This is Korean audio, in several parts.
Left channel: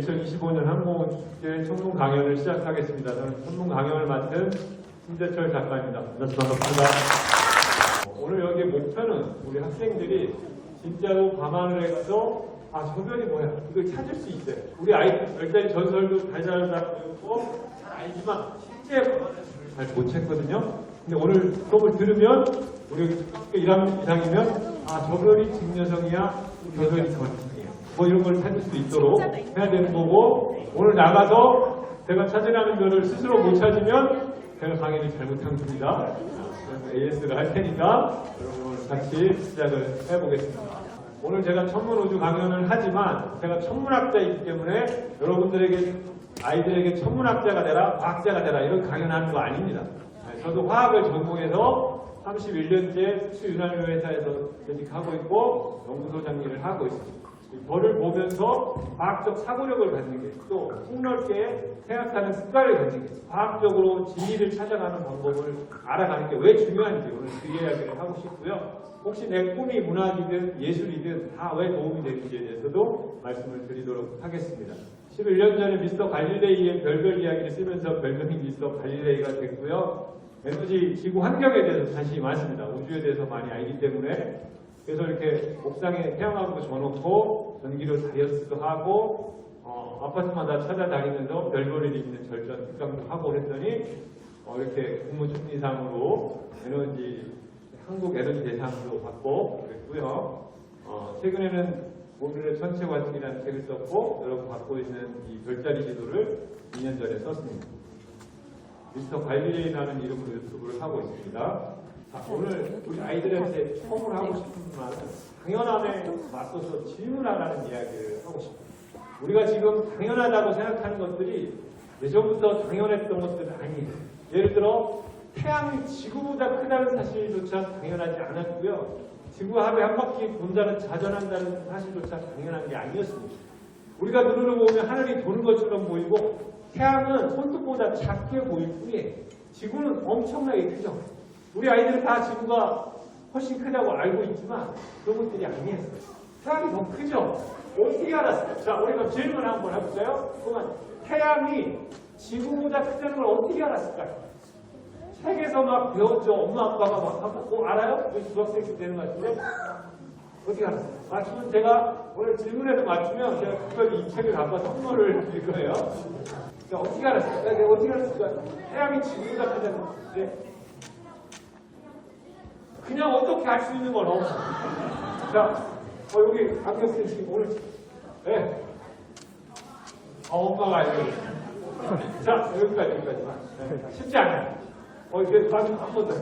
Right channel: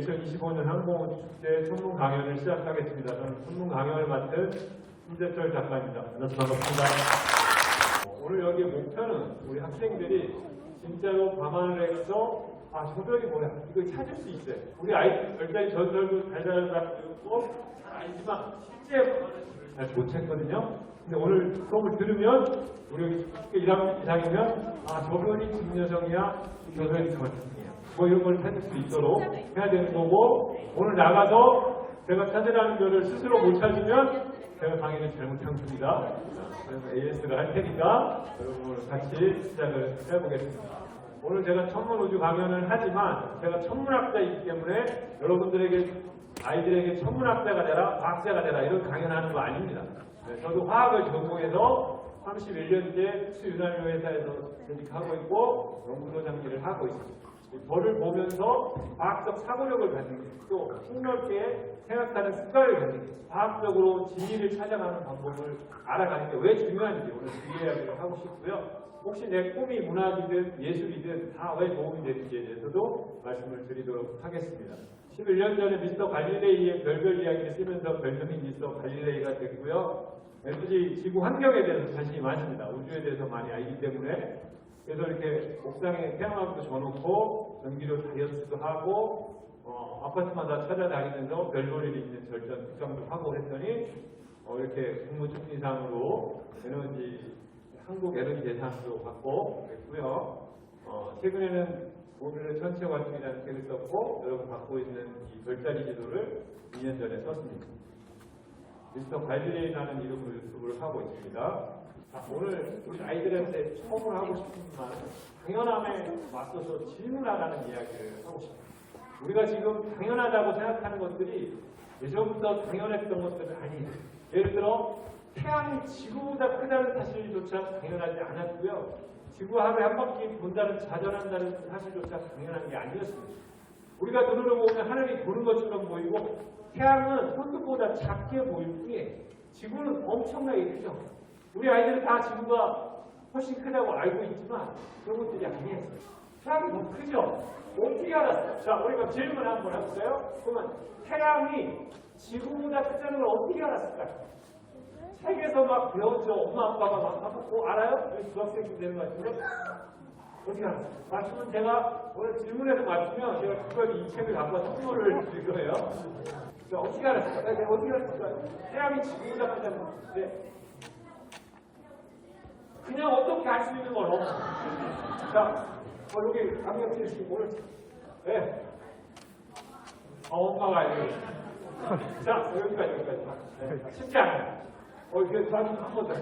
2025년 항공우주축제 청문 강연을 시작하겠습니다. 저는 청문 강연을 맡은 신재철 작가입니다. 만나서 반갑습니다. 오늘 여기 목표는 우리 학생들이 진짜로 감안을 해서 저 별이 뭐야? 이걸 찾을 수 있어요. 우리 아이들 별자리 전설도 달달하고 잘 알지만 실제 감안을 잘 못 찾거든요. 근데 오늘 수업을 들으면 우리 1학년 이상이면 저 별이 직녀성이야, 저 별이 저승이야. 뭐 이런 걸 찾을 수 있도록 해야 되는 거고, 오늘 나가서 제가 찾으라는 별을 스스로 못 찾으면 제가 강의를 잘못한 겁니다. 그래서 AS를 할 테니까 여러분 오늘 같이 시작을 해보겠습니다. 오늘 제가 천문우주 강연을 하지만 제가 천문학자이기 때문에 여러분들에게 아이들에게 천문학자가 되라, 과학자가 되라 이런 강연하는 거 아닙니다. 저도 화학을 전공해서 31년째 수유난료 회사에서 재직하고 있고 연구소장 일을 하고 있습니다. 별을 보면서 과학적 사고력을 갖는 게, 또 폭넓게 생각하는 습관을 갖는 게, 과학적으로 진리를 찾아가는 방법을 알아가는 게 왜 중요한지 오늘 그 이야기를 하고 싶고요. 혹시 내 꿈이 문학이든 예술이든 다 왜 도움이 되는지에 대해서도 말씀을 드리도록 하겠습니다. 11년 전에 미스터 갈릴레이의 별별 이야기를 쓰면서 별명이 미스터 갈릴레이가 됐고요. 에너지 지구 환경에 대해서 관심이 많습니다. 우주에 대해서 많이 알기 때문에. 그래서 이렇게 옥상에 태양광도 줘놓고 전기로 다이어트도 하고 아파트마다 찾아다니면서 별볼일 있는 절전 특강도 하고 했더니 이렇게 국무총리상으로 에너지 한국 에너지 대상도 받고 그랬고요. 최근에는 모듈의 천체 과정이라는 책을 썼고 여러분 갖고 있는 이 별자리 지도를 2년 전에 썼습니다. 미스터 갈릴레이라는 이름으로 유튜브를 하고 있습니다. 오늘 우리 아이들한테 처음을 하고 싶지만 당연함에 맞서서 질문하라는 이야기를 하고 싶어요. 우리가 지금 당연하다고 생각하는 것들이 예전부터 당연했던 것들은 아니에요. 예를 들어 태양이 지구보다 크다는 사실조차 당연하지 않았고요. 지구 하루에 한 바퀴 돈다는 자전한다는 사실조차 당연한 게 아니었습니다. 우리가 눈으로 보면 하늘이 도는 것처럼 보이고 태양은 손톱보다 작게 보일 뿐이에요. 지구는 엄청나게 크죠. 우리 아이들은 다 지구가 훨씬 크다고 알고 있지만 그런 것들이 아니에요. 태양이 더 크죠? 어떻게 알았어요? 자, 우리가 질문 한번 해볼까요? 그러면 태양이 지구보다 크다는 걸 어떻게 알았을까요? 책에서 막 배웠죠. 엄마 아빠가 막 하고 알아요? 중학생쯤 되는 것 같은데 어떻게 알았어요? 맞추면 제가 오늘 질문에서 맞추면 제가 특별히 이 책을 갖고 선물을 드릴 거예요. 자, 어떻게 알았어요? 내가 어떻게 알았을까? 태양이 지구보다 크다는 건데 그냥 어떻게 알 수 있는 건 없어. 자, 여기 강력생 씨 오늘 네. 엄마가 알고 있어요. 자, 여기까지만. 네. 쉽지 않아요. 이게 한번 더.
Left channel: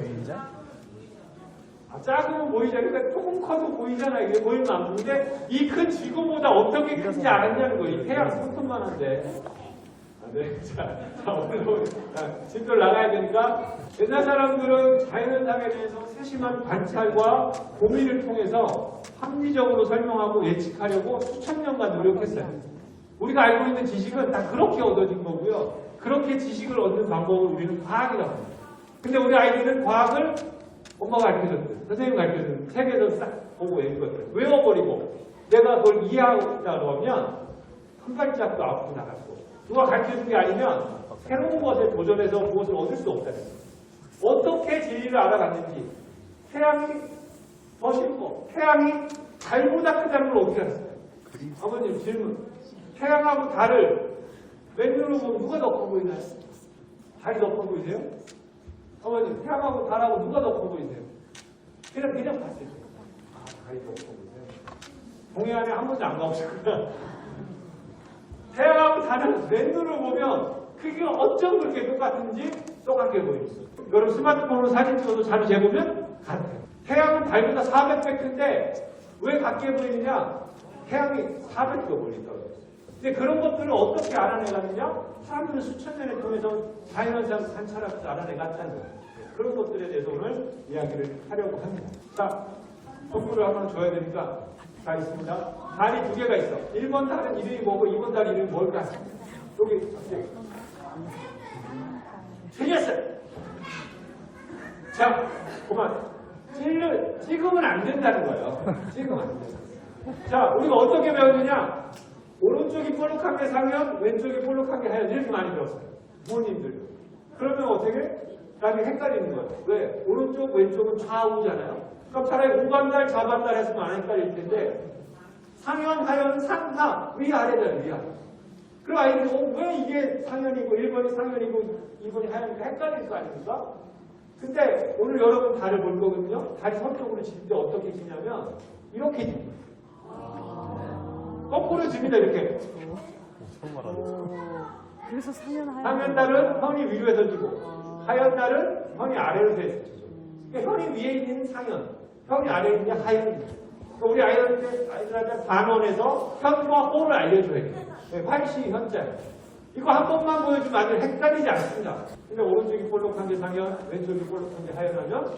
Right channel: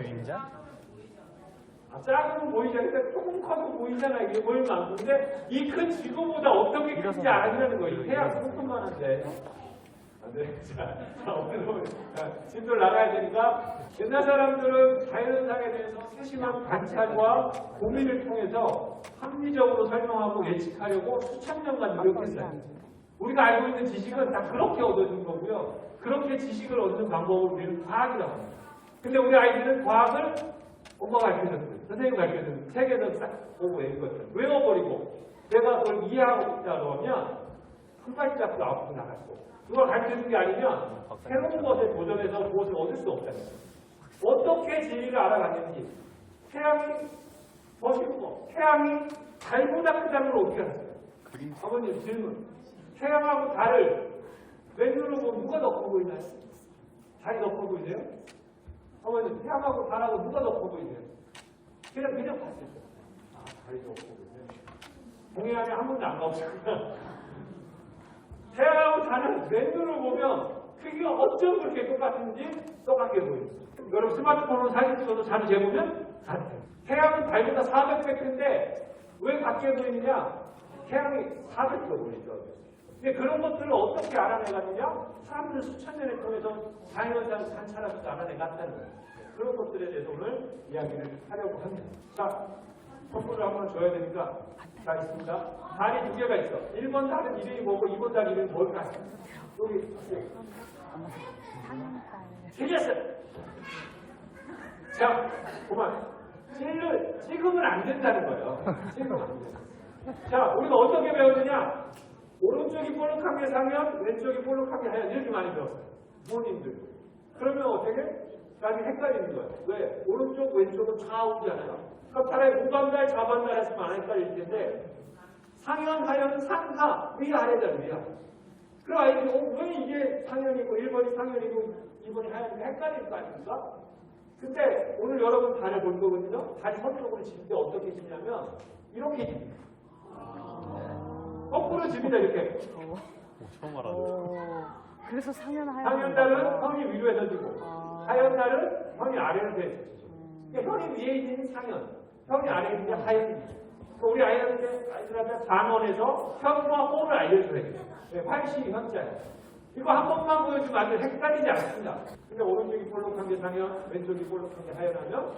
작으면 보이잖아요. 그러니까 조금 커도 보이잖아요. 이게 보이는 만큼인데 이 큰 지구보다 어떻게 큰지 알았냐는 거예요. 이 태양 손톱만 한데. 네. 자, 오늘 진도를 나가야 되니까 옛날 사람들은 자연현상에 대해서 세심한 관찰과 고민을 통해서 합리적으로 설명하고 예측하려고 수천 년간 노력했어요. 우리가 알고 있는 지식은 다 그렇게 얻어진 거고요. 그렇게 지식을 얻는 방법을 우리는 과학이라고 합니다. 근데 우리 아이들은 과학을 엄마가 가르쳐줬든 선생님이 가르쳐줬든 책에서 싹 보고 읽거든요. 외워버리고 내가 그걸 이해하고 있다 그러면 한 발짝도 앞으로 나갔고 누가 가르쳐준 게 아니면 새로운 것에 도전해서 무엇을 얻을 수 없다는 거예요. 어떻게 진리를 알아갔는지 태양이 더 쉽고 태양이 달보다 크다는 걸 어떻게 알았어요? 아버님 질문. 태양하고 달을 맨눈으로 보면 누가 더 커 보이나요? 달이 더 커 보이세요? 아버님 태양하고 달하고 누가 더 커 보이세요? 그냥 봤을 때 달이 더 커 보이세요? 동해안에 한 번도 안 가보셨구나. 태양하고 달은 맨눈으로 보면 크기가 어쩜 그렇게 똑같은지 똑같게 보이죠. 여러분 스마트폰으로 사진 찍어도 자료 재보면 같아요. 태양은 달보다 400배 큰데 왜 같게 보이느냐? 태양이 400배 보이니까. 근데 그런 것들을 어떻게 알아내갔느냐? 사람들은 수천 년을 통해서 자연현상 관찰하면서 알아내갔다는 거예요. 그런 것들에 대해서 오늘 이야기를 하려고 합니다. 자, 선물을 한번 줘야 되니까 자 있습니다. 달이 두 개가 있어. 1번 달은 이름이 뭐고 2번 달 이름이 뭘까? 여기 틀렸어요. 자, 그만. 찍으면 안 된다는 거예요. 찍으면 안 된다. 자, 우리가 어떻게 배웠느냐? 오른쪽이 볼록한 게 상현, 왼쪽이 볼록한 게 하현 이렇게 많이 들었어요. 부모님들. 그러면 어떻게? 나중에 헷갈리는 거예요. 왜? 오른쪽, 왼쪽은 좌우잖아요. 그럼 차라리 우반달, 좌반달 했으면 안 헷갈릴 텐데 상현, 하현, 상하, 위아래잖아요. 위아래. 그럼 아이들이 왜 이게 상현이고 1번이 상현이고 2번이 하현이고 헷갈릴 거 아닙니까? 근데 오늘 여러분 다리를 볼 거거든요. 다리 서쪽으로 칠 때 어떻게 치냐면 이렇게 칩니다. 거꾸로 칩니다. 이렇게. 그래서 상현달은 현이 위로에서 주고 하현달은 현이 아래로서 주죠. 그러니까 현이 위에 있는 상현, 현이 아래에 있는 하현입니다. 그러니까 우리 아이들한테 반원에서 현과 호를 알려줘야 돼요. 활시 현자. 이거 한 번만 보여주면 아주 헷갈리지 않습니다. 근데 오른쪽이 볼록한 게 상현, 왼쪽이 볼록한 게 하현하면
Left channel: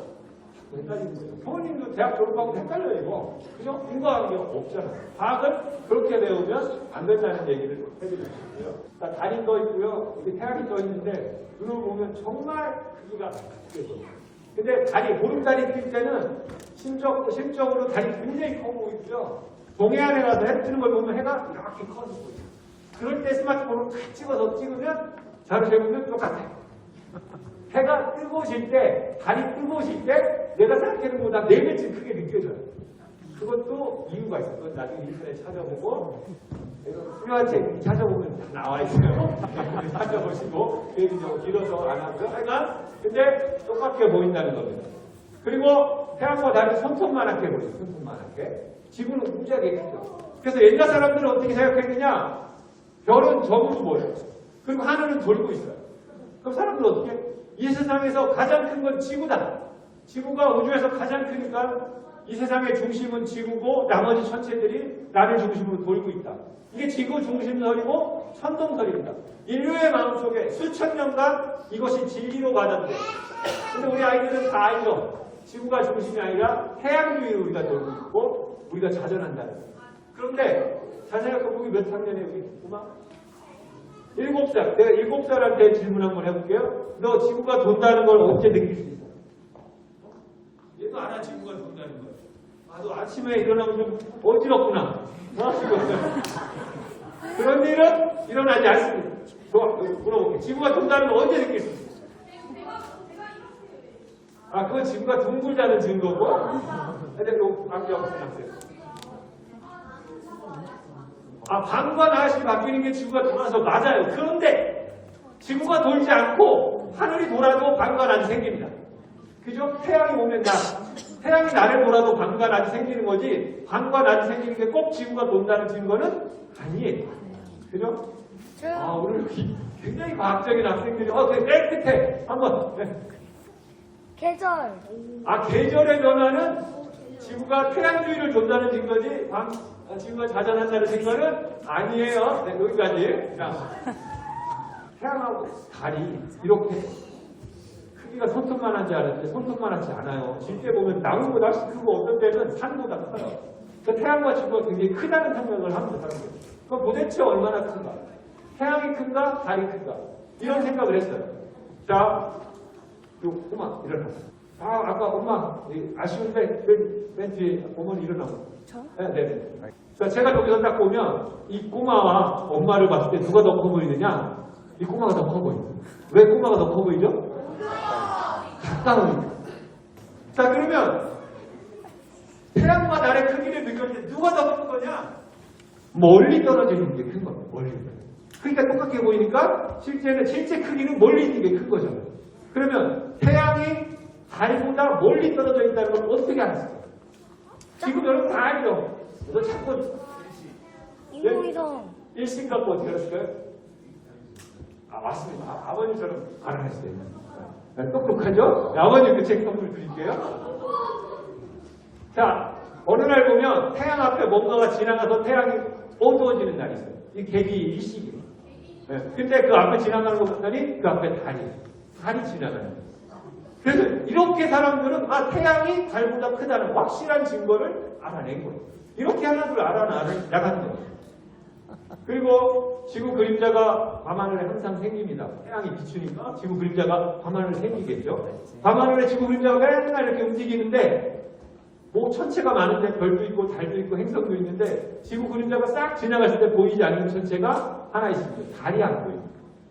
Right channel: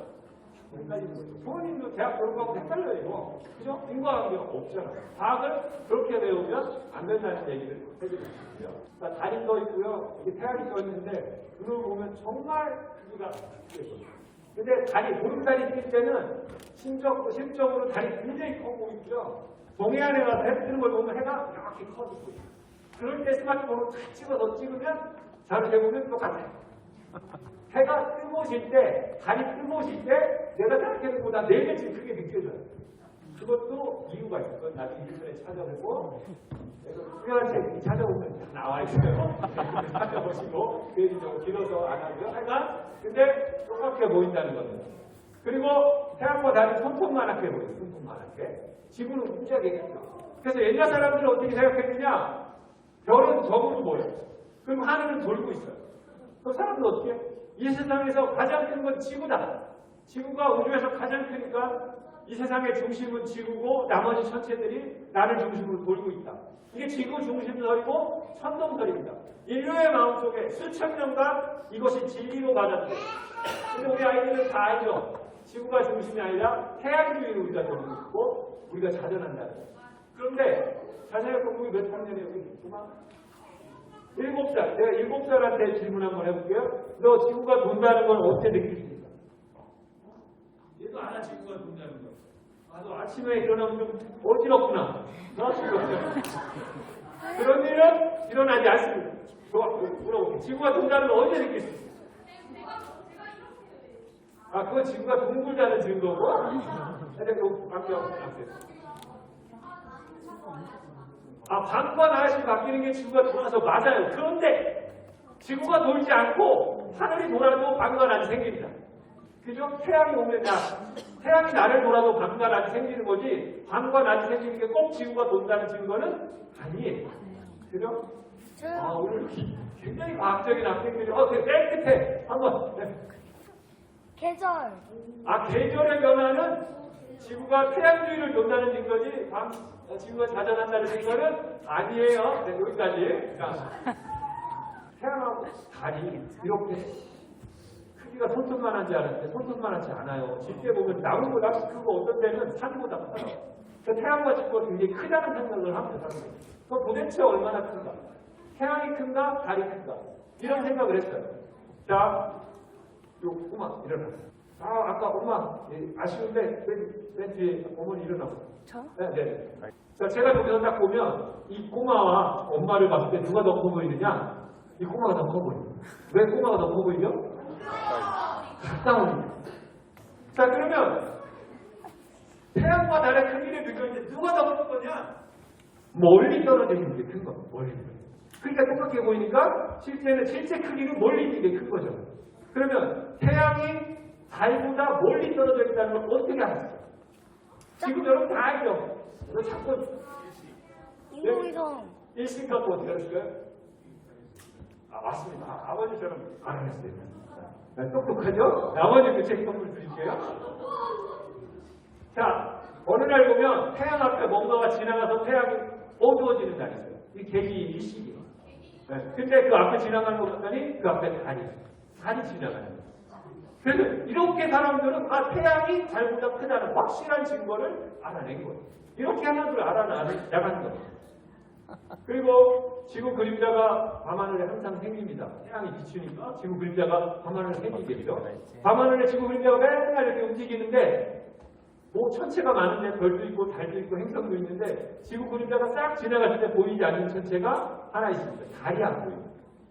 헷갈리는 거죠. 부모님도 대학 졸업하고 헷갈려요, 이거. 그죠? 인과관계가 없잖아요. 과학은 그렇게 배우면 안 된다는 얘기를 해드리고 싶고요. 달이 떠 있고요. 여기 태양이 떠 있는데 눈을 보면 정말 크기가 크죠. 근데 달이, 보름달이 뜰 때는 심적으로 달이 굉장히 커 보이죠. 동해안에 가서 해 뜨는 걸 보면 해가 이렇게 커지고 있어요. 그럴 때 스마트폰으로 탁 찍어서 찍으면 자료 재보면 똑같아요. 해가 뜨고 질 때, 달이 뜨고 질 때 내가 생각하는 것보다 4배쯤 크게 느껴져요. 그것도 이유가 있어요. 그건 나중에 인터넷 찾아보고 필요한 책 찾아보면 나와 있어요. 찾아보시고 얘기 좀 길어서 안 하고요. 하여간 근데 똑같게 보인다는 겁니다. 그리고 태양과 달이 손톱만하게 보여요. 손톱만하게. 지구는 무지하게 크죠. 그래서 옛날 사람들은 어떻게 생각했느냐? 별은 점으로 보여요. 그리고 하늘은 돌고 있어요. 그럼 사람들은 어떻게? 이 세상에서 가장 큰 건 지구다. 지구가 우주에서 가장 크니까 이 세상의 중심은 지구고 나머지 천체들이 나를 중심으로 돌고 있다. 이게 지구 중심설이고 천동설입니다. 인류의 마음속에 수천 년간 이것이 진리로 받아들여요. 근데 우리 아이들은 다 알죠. 지구가 중심이 아니라 태양주위로 우리가 돌고 있고 우리가 자전한다는 거예요. 그런데 자세히 거기 몇 학년에 우리 구마? 7살. 내가 7살한테 질문 한번 해볼게요. 너 지구가 돈다는 걸 언제 느낄 수 있어? 얘도 알아, 지구가 돈다는 걸. 아, 너 아침에 일어나면 좀 어지럽구나. 그런 일은 일어나지 않습니다. 좋아, 물어볼게. 지구가 돈다는 걸 언제 느낄 수 있어? 아, 그건 지구가 둥글다는 증거고. 근데 요 방귀하고 생각해요. 아, 밤과 낮이 바뀌는 게 지구가 돌아서 맞아요. 그런데 지구가 돌지 않고 하늘이 돌아도 밤과 낮이 생깁니다. 그죠? 태양이 오면 태양이 나를 돌아도 밤과 낮이 생기는 거지 밤과 낮이 생기는 게 꼭 지구가 돈다는 증거는 아니에요. 그죠? 아, 오늘 굉장히 과학적인 학생들이 그 맨 끝에 한번 계절. 아, 계절의 변화는 지구가 태양주위를 돈다는 증거지 지구가 자전한다는 증거는 아니에요. 네, 여기까지. 자, 태양하고 달이 이렇게 크기가 손톱만한지 알았는데 손톱만하지 않아요. 실제 보면 나무보다 훨씬 크고 어떤 때는 산보다 커요. 그 태양과 지구가 굉장히 크다는 생각을 합니다. 사람들이. 그럼 도대체 얼마나 큰가? 태양이 큰가? 달이 큰가? 이런 생각을 했어요. 자, 요 꼬마 일어나. 아까 엄마 아쉬운데 맨 뒤에 어머니 일어나고. 저? 네. 자, 제가 여기서 딱 보면 이 꼬마와 엄마를 봤을 때 누가 더 커 보이느냐? 이 꼬마가 더 커 보여요. 왜 꼬마가 더 커 보이죠? 가까우니까. 자, 그러면 태양과 달의 크기를 느낄 때 누가 더 큰 거냐? 멀리 떨어져 있는 게 큰 거예요. 멀리. 그러니까 똑같게 보이니까 실제 크기는 멀리 있는 게 큰 거죠. 그러면 태양이 달보다 멀리 떨어져 있다는 걸 어떻게 알았어요? 지금 여러분 다 알죠? 그래서 자꾸 인공위성. 일신 갖고 어떻게 알았어요? 아, 맞습니다. 아버님처럼 알아냈어요. 똑똑하죠? 아버님 그 책 선물 드릴게요. 자, 어느 날 보면 태양 앞에 뭔가가 지나가서 태양이 어두워지는 날이 있어요. 이 계기 일식이에요. 네. 근데 그 앞에 지나가는 거 봤더니 그 앞에 달이 지나가는 거예요. 그래서 이렇게 사람들은 태양이 달보다 크다는 확실한 증거를 알아낸 거예요. 이렇게 하나둘 알아나가는 거예요. 그리고 지구 그림자가 밤하늘에 항상 생깁니다. 태양이 비추니까 지구 그림자가 밤하늘에 생기겠죠. 밤하늘에 지구 그림자가 맨날 이렇게 움직이는데 뭐 천체가 많은데 별도 있고 달도 있고 행성도 있는데 지구 그림자가 싹 지나갔을 때 보이지 않는 천체가 하나 있습니다. 달이 안 보입니다.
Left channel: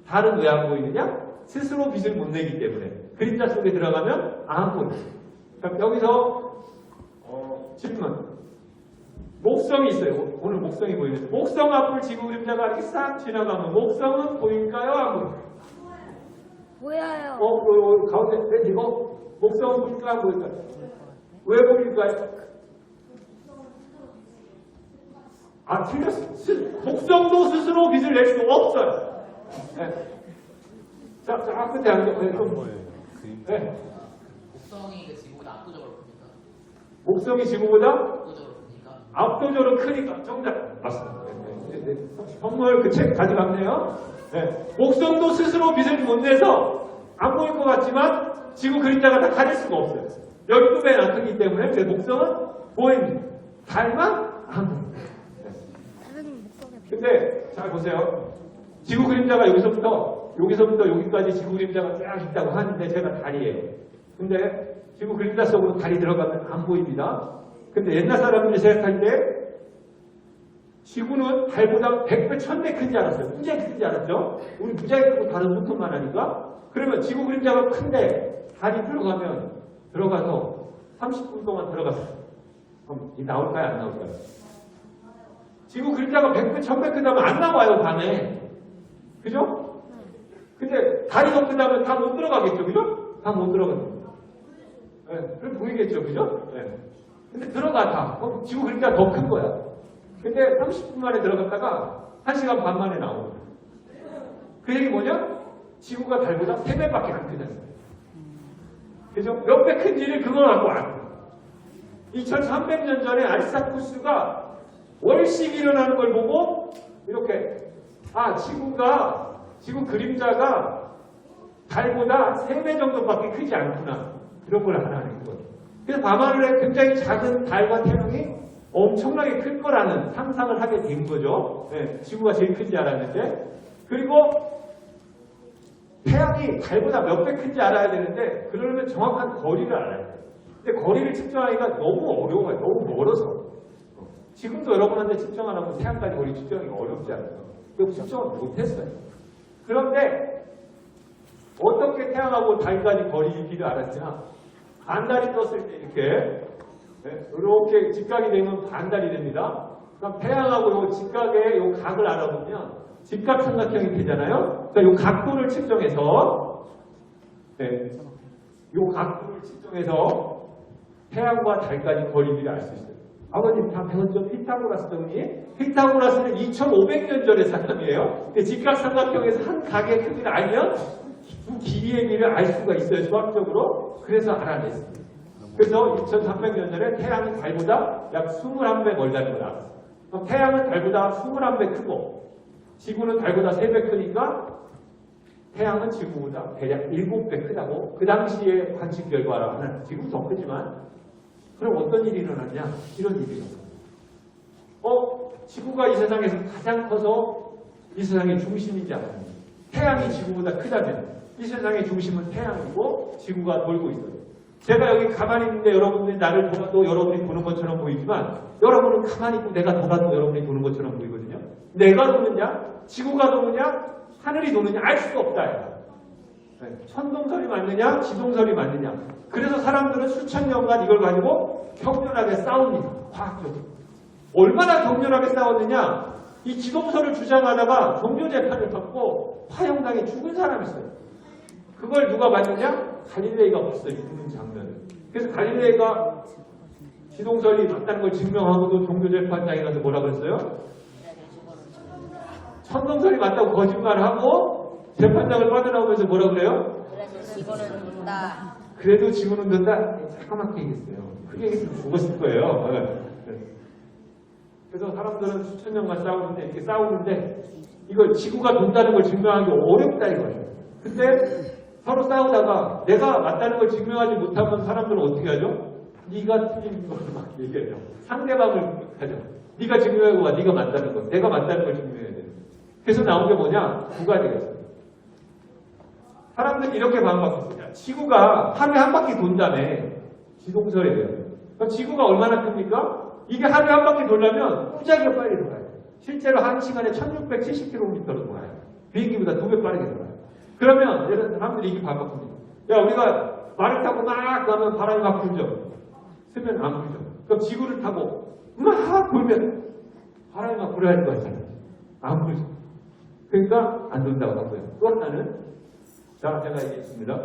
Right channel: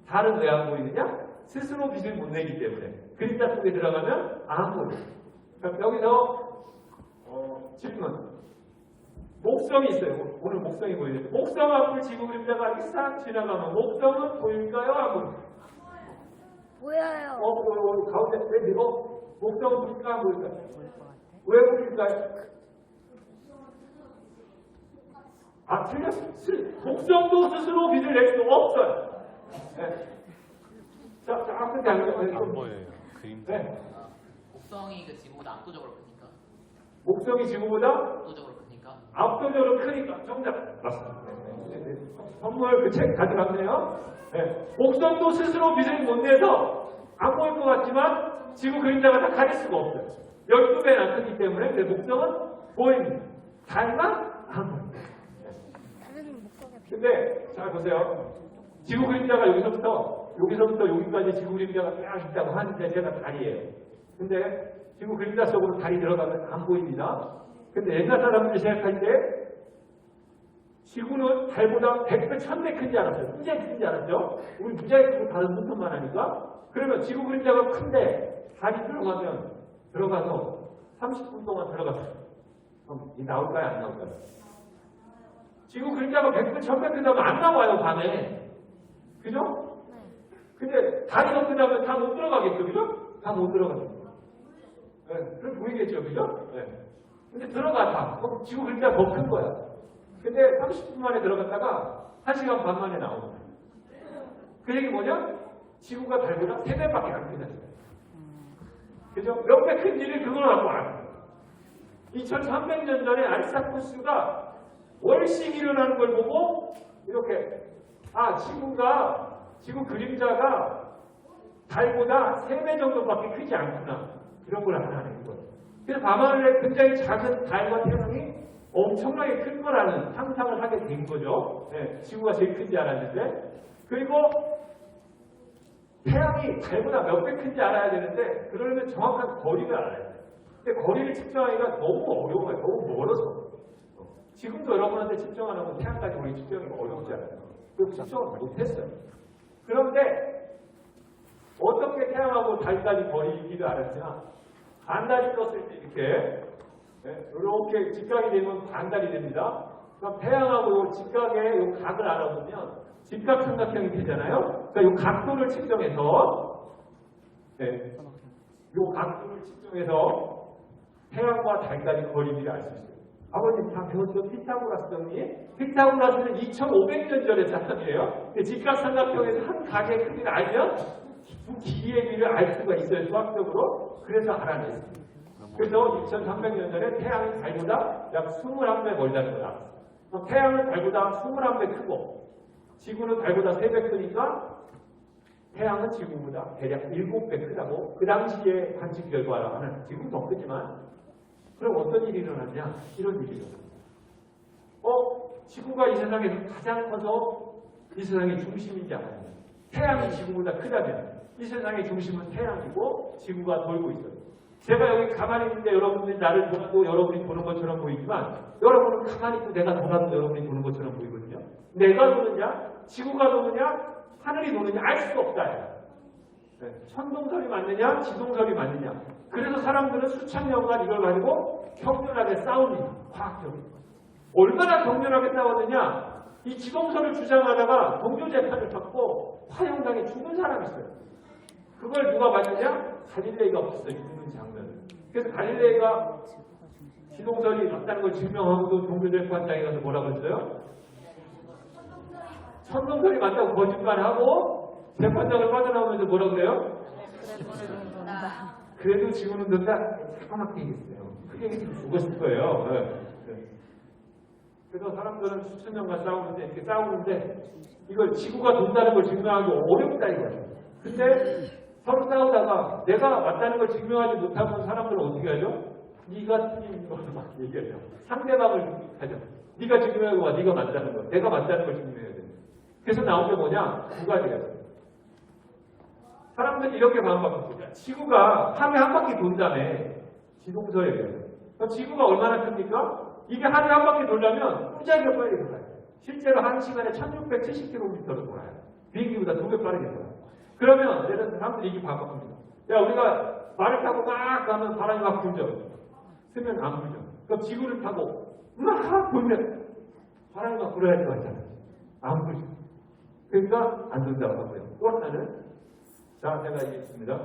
달은 왜 안 보이느냐? 스스로 빛을 못 내기 때문에. 그림자 속에 들어가면 안 보여요. 그럼 여기서 질문. 목성이 있어요. 오늘 목성이 보이는데 목성 앞을 지구 그림자가 이렇게 싹 지나가면 목성은 보일까요? 안 보일까요? 보여요. 가운데 왜 이거? 목성은 보일까 안 보일까요? 왜 보일까요? 틀렸어요. 목성도 스스로 빛을 낼 수 없어요. 네. 자, 끝에 앉아. 네. 목성이 그 지구보다 압도적으로 크니까. 목성이 지구보다 압도적으로 크니까. 압도적으로 크니까 정답. 맞습니다. 네. 선물 그 책 가져갔네요. 네. 목성도 스스로 빛을 못 내서 안 보일 것 같지만 지구 그림자가 다 가릴 수가 없어요. 여기 또 안 크기 때문에 제 목성은 보입니다. 달만 안 보입니다. 다른 목적에 비. 근데 잘 보세요. 지구 그림자가 여기서부터 여기까지 지구 그림자가 쫙 있다고 하는데 제가 달이에요. 근데 지구 그림자 속으로 달이 들어가면 안 보입니다. 근데 옛날 사람들이 생각할 때 지구는 달보다 100배, 1000배 큰지 알았어요. 무지하게 큰지 알았죠? 우리 무지하게 크고 다른 무통만 하니까. 그러면 지구 그림자가 큰데 달이 들어가서 30분 동안 들어갔어요. 그럼 이 나올까요? 안 나올까요? 지구 그림자가 100배, 1000배 크다면 안 나와요, 밤에. 그죠? 근데 달이 더 크다면 다 못 들어가겠죠, 그죠? 다 못 들어갑니다. 네, 그럼 보이겠죠, 그죠? 네. 근데 들어가 다. 그럼 지구 그림자 더 큰 거야. 근데 30분 만에 들어갔다가 1시간 반 만에 나오는 거야. 그 얘기 뭐냐? 지구가 달보다 3배밖에 안 크다는 거야. 그죠? 몇 배 큰지를 그걸 갖고 알아. 2300년 전에 아리스타쿠스가 월식이 일어나는 걸 보고 이렇게 지구 그림자가 달보다 3배 정도밖에 크지 않구나. 그런 걸 알아낸 거예요. 그래서 밤하늘에 굉장히 작은 달과 태양이 엄청나게 클 거라는 상상을 하게 된 거죠. 네, 지구가 제일 큰지 알았는데. 그리고 태양이 달보다 몇 배 큰지 알아야 되는데 그러려면 정확한 거리를 알아야 돼요. 근데 거리를 측정하기가 너무 어려워요. 너무 멀어서. 지금도 여러분한테 측정 안 하면 태양까지 거리 측정하기가 어렵지 않아요. 그래서 측정을 못했어요. 그런데 어떻게 태양하고 달까지 거리를 알았냐? 반달이 떴을 때 이렇게 직각이 되면 반달이 됩니다. 그럼 태양하고 이 직각의 이 각을 알아보면 직각삼각형이 되잖아요. 그러니까 이 각도를 측정해서 이 각도를 측정해서 태양과 달까지 거리를 알 수 있어요. 아버님 다 배웠죠? 피타고라스 정리. 피타고라스는 2500년 전의 사람이에요. 직각삼각형에서 한 각의 크기를 알면 두 길이의 길을 알 수가 있어요. 수학적으로. 그래서 알아냈습니다. 그래서 2300년 전에 태양이 달보다 약 21배 멀다는 걸 알았어요. 그럼 태양은 달보다 21배 크고 지구는 달보다 3배 크니까 태양은 지구보다 대략 7배 크다고 그 당시에 관측 결과라는 지금은 더 크지만 그럼 어떤 일이 일어났냐? 이런 일이 일어났어요. 지구가 이 세상에서 가장 커서 이 세상의 중심인지 알았냐? 태양이 지구보다 크다면 이 세상의 중심은 태양이고 지구가 돌고 있어요. 제가 여기 가만히 있는데 여러분들이 나를 보아도 여러분이 보는 것처럼 보이지만 여러분은 가만히 있고 내가 돌아도 여러분이 보는 것처럼 보이거든요. 내가 도느냐? 지구가 도느냐? 하늘이 도느냐? 알 수가 없다. 천동설이 맞느냐? 지동설이 맞느냐? 그래서 사람들은 수천 년간 이걸 가지고 격렬하게 싸웁니다. 과학적으로. 얼마나 격렬하게 싸웠느냐? 이 지동설을 주장하다가 종교재판을 받고 화형당해 죽은 사람이 있어요. 그걸 누가 봤느냐? 갈릴레이가 봤어요. 죽는 장면을. 그래서 갈릴레이가 지동설이 맞다는 걸 증명하고도 종교재판장에 가서 뭐라 그랬어요? 천동설이 맞다고 거짓말하고 재판장을 빠져나오면서 뭐라 그래요? 그래도 지구는 돈다. 까맣게 얘기했어요. 크게 얘기했으면 죽었을 거예요. 그래서 사람들은 수천 년간 이렇게 싸우는데 이걸 지구가 돈다는 걸 증명하기 어렵다 이거죠. 근데 서로 싸우다가 내가 맞다는 걸 증명하지 못하면 사람들은 어떻게 하죠? 네가 틀린 걸로 막 얘기해요. 상대방을 하죠. 네가 증명하고 와. 네가 맞다는 거. 내가 맞다는 걸 증명해야 돼. 그래서 나온 게 뭐냐? 두 가지가 있어요. 사람들이 이렇게 반박했어요. 지구가 하루에 한 바퀴 돈다며. 지동설이에요. 그럼 지구가 얼마나 큽니까? 이게 하루에 한 바퀴 돌려면 무지하게 빨리 돌아요. 실제로 한 시간에 1670km로 돌아요. 비행기보다 2배 빠르게 돌아요. 그러면 예를 들어 사람들이 이게 반박합니다. 야, 우리가 말을 타고 막 가면 바람이 막 불죠. 쓰면 안 불죠. 그럼 지구를 타고 막 불면 바람이 막 불어야 할 거 같잖아요. 안 불죠. 그러니까 안 된다고 하고요. 또 하나는, 자, 제가 얘기했습니다.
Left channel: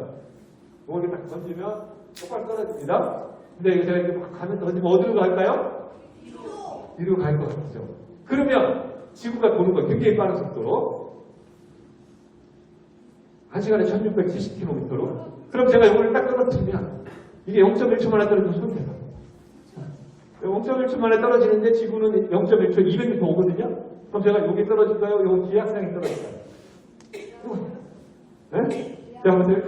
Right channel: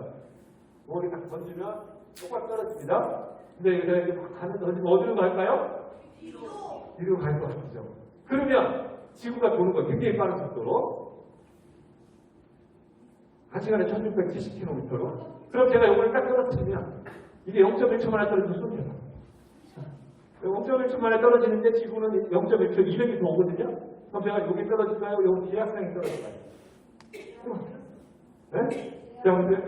이렇게 딱 던지면 똑바로 떨어집니다. 근데 제가 이렇게 막 가면 던지면 어디로 갈까요? 뒤로 갈 것 같죠. 그러면 지구가 도는 거 굉장히 빠른 속도로 1시간에 1670km로. 그럼 제가 이걸 딱 떨어뜨리면 이게 0.1초 만에 떨어지면 손 대요. 0.1초 만에 떨어지는데 지구는 0.1초 200m 오거든요. 그럼 제가 여기 떨어질까요? 여기 뒤에 항상이 떨어질까요? 네? 여러분들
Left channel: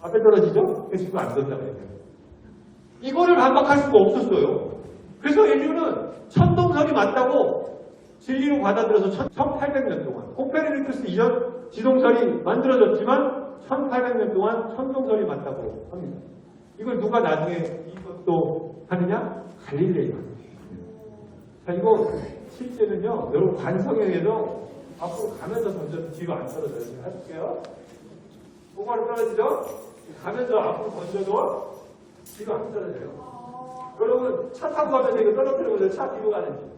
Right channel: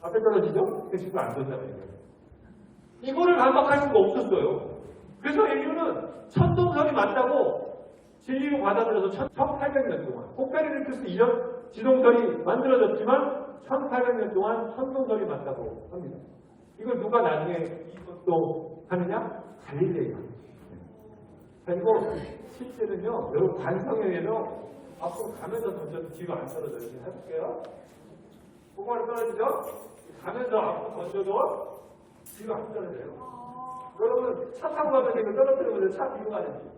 앞에 떨어지죠? 그 지구 안 던다고 해요. 이거를 반박할 수가 없었어요. 그래서 인류는 천동설이 맞다고 진리로 받아들여서 1800년 동안, 코페르니쿠스 이전 지동설이 만들어졌지만 1800년 동안 천동설이 맞다고 합니다. 이걸 누가 나중에 이것도 하느냐? 갈릴레이가. 자, 이거 실제는요, 여러분 관성에 의해서 앞으로 가면서 던져도 뒤로 안 떨어져요. 해볼게요. 똑바로 떨어지죠? 가면서 앞으로 던져도 뒤로 안 떨어져요. 여러분 차 타고 가면서 이거 떨어뜨려보세요. 차 뒤로 가는지.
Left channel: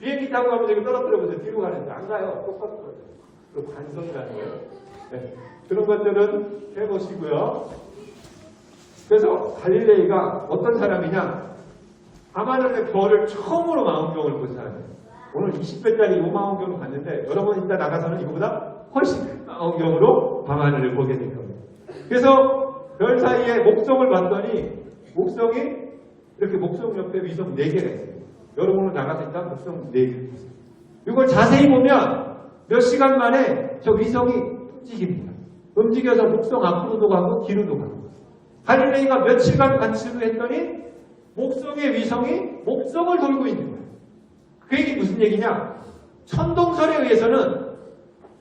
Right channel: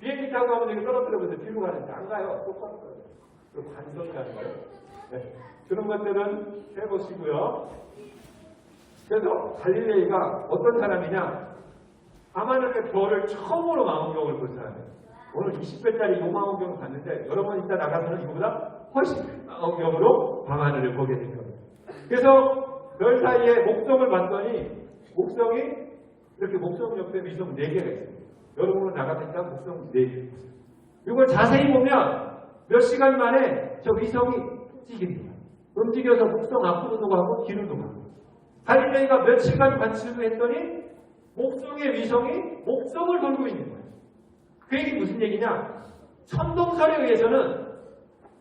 비행기 타고 가면서 이거 떨어뜨려보세요. 뒤로 가는지. 안 가요. 똑바로 떨어져요. 그 관성이라는 거예요. 네. 그런 것들은 해보시고요. 그래서 갈릴레이가 어떤 사람이냐? 밤하늘의 별을 처음으로 망원경을 본 사람이에요. 오늘 20배짜리 요 망원경을 봤는데 여러분 이따 나가서는 이거보다 훨씬 망원경으로 밤하늘을 보게 될 겁니다. 그래서 별 사이에 목성을 봤더니 목성이 이렇게 목성 옆에 위성 4개가 있어요. 여러분은 나가니까 목성 4개 있어요. 이걸 자세히 보면 몇 시간 만에 저 위성이 움직입니다. 움직여서 목성 앞으로도 가고 뒤로도 가고. 갈릴레이가 며칠간 관측을 했더니 목성의 위성이 목성을 돌고 있는 거예요. 그 얘기 무슨 얘기냐? 천동설에 의해서는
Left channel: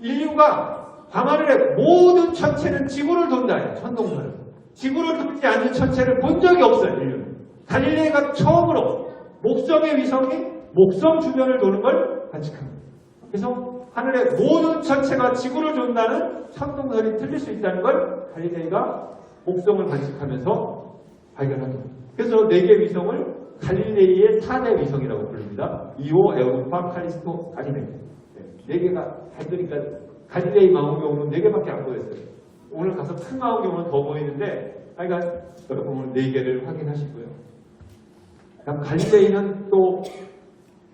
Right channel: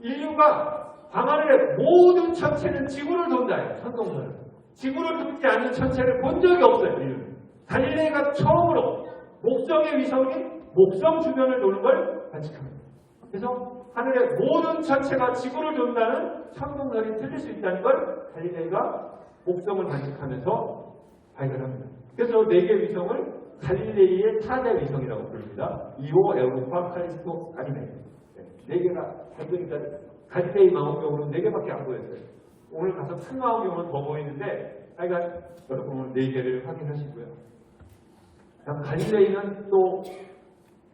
인류가 밤하늘의 모든 천체는 지구를 돈다예요. 천동설은. 지구를 돌지 않는 천체를 본 적이 없어요. 인류는. 갈릴레이가 처음으로 목성의 위성이 목성 주변을 도는 걸 관측합니다. 그래서 하늘의 모든 천체가 지구를 돈다는 천동설이 틀릴 수 있다는 걸 갈릴레이가 목성을 관측하면서 발견합니다. 그래서 4개 위성을 갈릴레이의 4대 위성이라고 부릅니다. 이오, 에우로파, 칼리스토, 가니메데. 4개가 달리니까 갈릴레이 망원경으로 4개밖에 안 보였어요. 오늘 가서 큰 망원경으로 더 보이는데, 하여간 여러분 오늘 4개를 확인하시고요. 갈릴레이는 또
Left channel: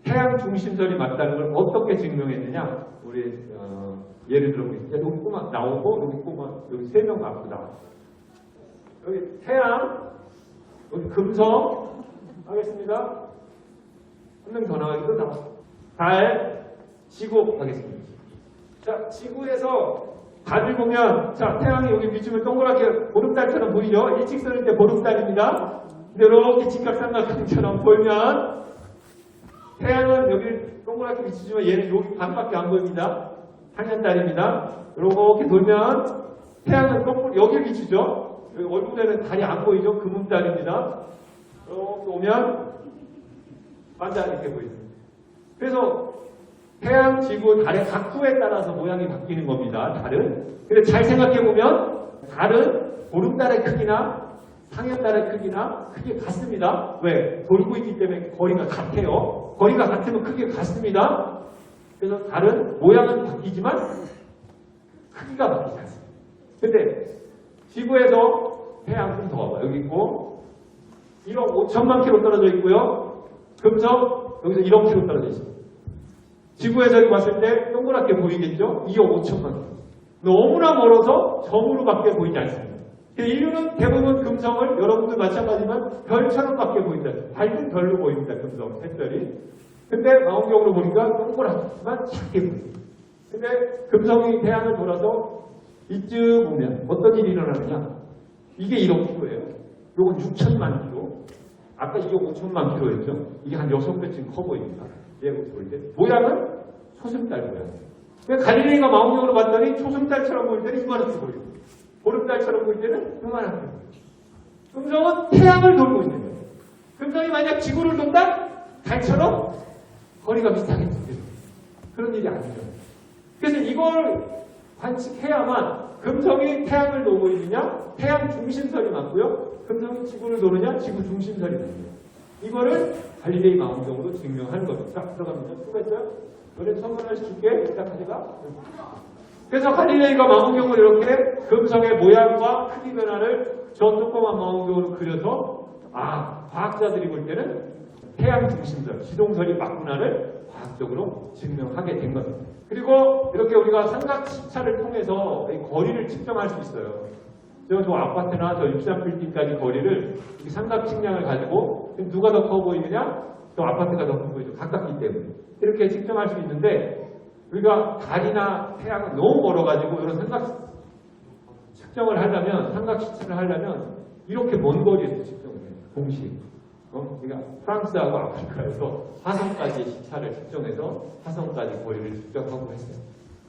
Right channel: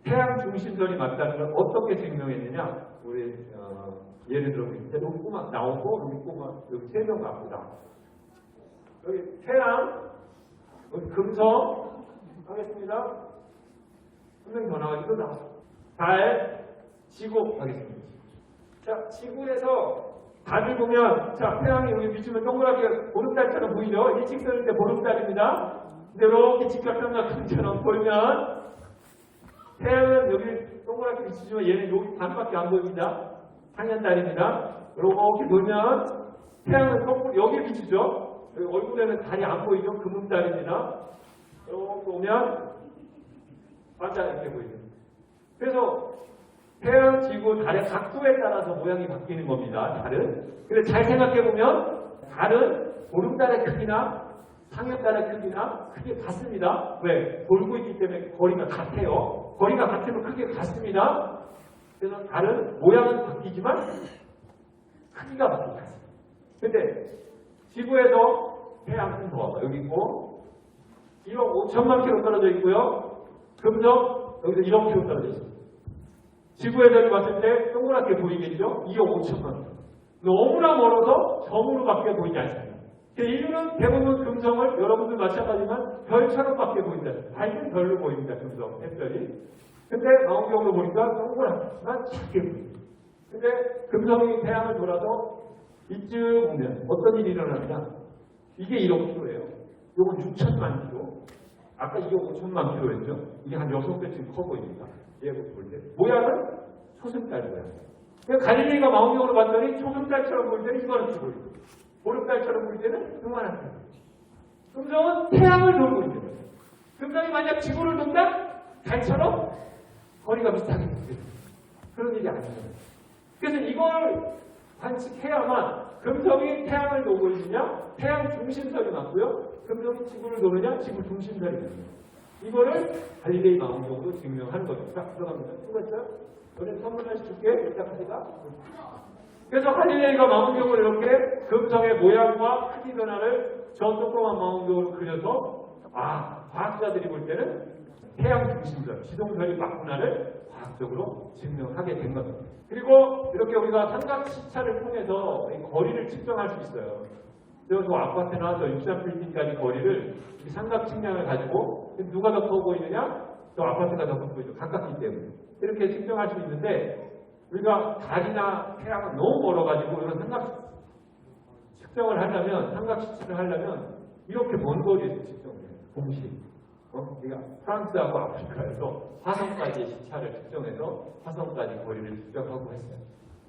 태양 중심설이 맞다는 걸 어떻게 증명했느냐? 우리 예를 들어 보겠습니다. 여기 꼬마 나오고 여기 꼬마 여기 3명 갖고 나와. 여기 태양, 여기 금성 하겠습니다. 한 명 더 나와있고 나와. 달, 지구 하겠습니다. 자, 지구에서 달을 보면, 자, 태양이 여기 비추면 동그랗게 보름달처럼 보이죠? 일직선일 때 보름달입니다. 근데 이렇게 직각삼각형처럼 보면 태양은 여기 동그랗게 비추지만 얘는 여기 반밖에 안 보입니다. 상현달입니다. 이렇게 돌면 태양은 거꾸로 여기 비추죠. 여기 얼굴에는 달이 안 보이죠. 금음달입니다. 이렇게 오면 반달 이렇게 보입니다. 그래서 태양, 지구, 달의 각도에 따라서 모양이 바뀌는 겁니다. 달은. 근데 잘 생각해보면 달은 보름달의 크기나 상현달의 크기나 크게 같습니다. 왜? 돌고 있기 때문에 거리가 같아요. 거리가 같으면 크게 같습니다. 그래서 달은 모양은 바뀌지만 크기가 바뀌지 않습니다. 근데 지구에서 태양 좀 더 와봐. 여기 있고 1억 5천만 킬로 떨어져 있고요. 금성 여기서 1억 킬로 떨어져 있습니다. 지구에서 이렇게 봤을 때 동그랗게 보이겠죠? 2억 5천만 킬로. 너무나 멀어서 점으로밖에 보이지 않습니다. 인류는 대부분 금성을 여러분들 마찬가지지만 별처럼밖에 보인다. 밝은 별로 보입니다. 금성, 햇별이. 근데 망원경으로 보니까 동그랗지만 작게 보입니다. 근데 금성이 태양을 돌아서 이쯤 보면 어떤 일이 일어나느냐? 이게 1억 킬로예요. 요건 6천만 킬로. 아까 2억 5천만 킬로였죠. 이게 한 6배쯤 커 보입니다. 얘가 보일 때. 모양은 초승달 모양. 갈릴레이가 망원경으로 봤더니 초승달처럼 보일 때는 이만하게 보입니다. 보름달처럼 보일 때는 요만하게 보입니다. 금성은 태양을 돌고 있는 거예요. 금성이 만약 지구를 돈다? 달처럼 거리가 비슷하겠죠. 그런 일이 아니에요. 그래서 이걸 관측해야만 금성이 태양을 도고 있느냐? 태양 중심선이 맞고요. 금성이 지구를 도느냐? 지구 중심선이 맞고요. 이거를 갈릴레이 망원경으로 증명하는 거죠. 자, 들어갑니다. 수고했어요? 너네 선물 하나씩 줄게. 이따 가져가. 그래서 갈릴레이가 망원경을 이렇게 금성의 모양과 크기 변화를 저 조그만 망원경으로 그려서 과학자들이 볼 때는 태양 중심선, 지동설이 맞구나를 과학적으로 증명하게 된 겁니다. 그리고 이렇게 우리가 삼각 시차를 통해서 이 거리를 측정할 수 있어요. 저 아파트나 저 63빌딩까지 거리를 이 삼각 측량을 가지고 누가 더 커 보이느냐? 저 아파트가 더 커 보이죠. 가깝기 때문에. 이렇게 측정할 수 있는데 우리가 달이나 태양은 너무 멀어가지고 이런 삼각 측정을 하려면, 삼각 시차를 하려면 이렇게 먼 거리에서 측정을 해요. 공식. 우리가 프랑스하고 아프리카에서 화성까지의 시차를 측정해서 화성까지 거리를 측정하고 했어요.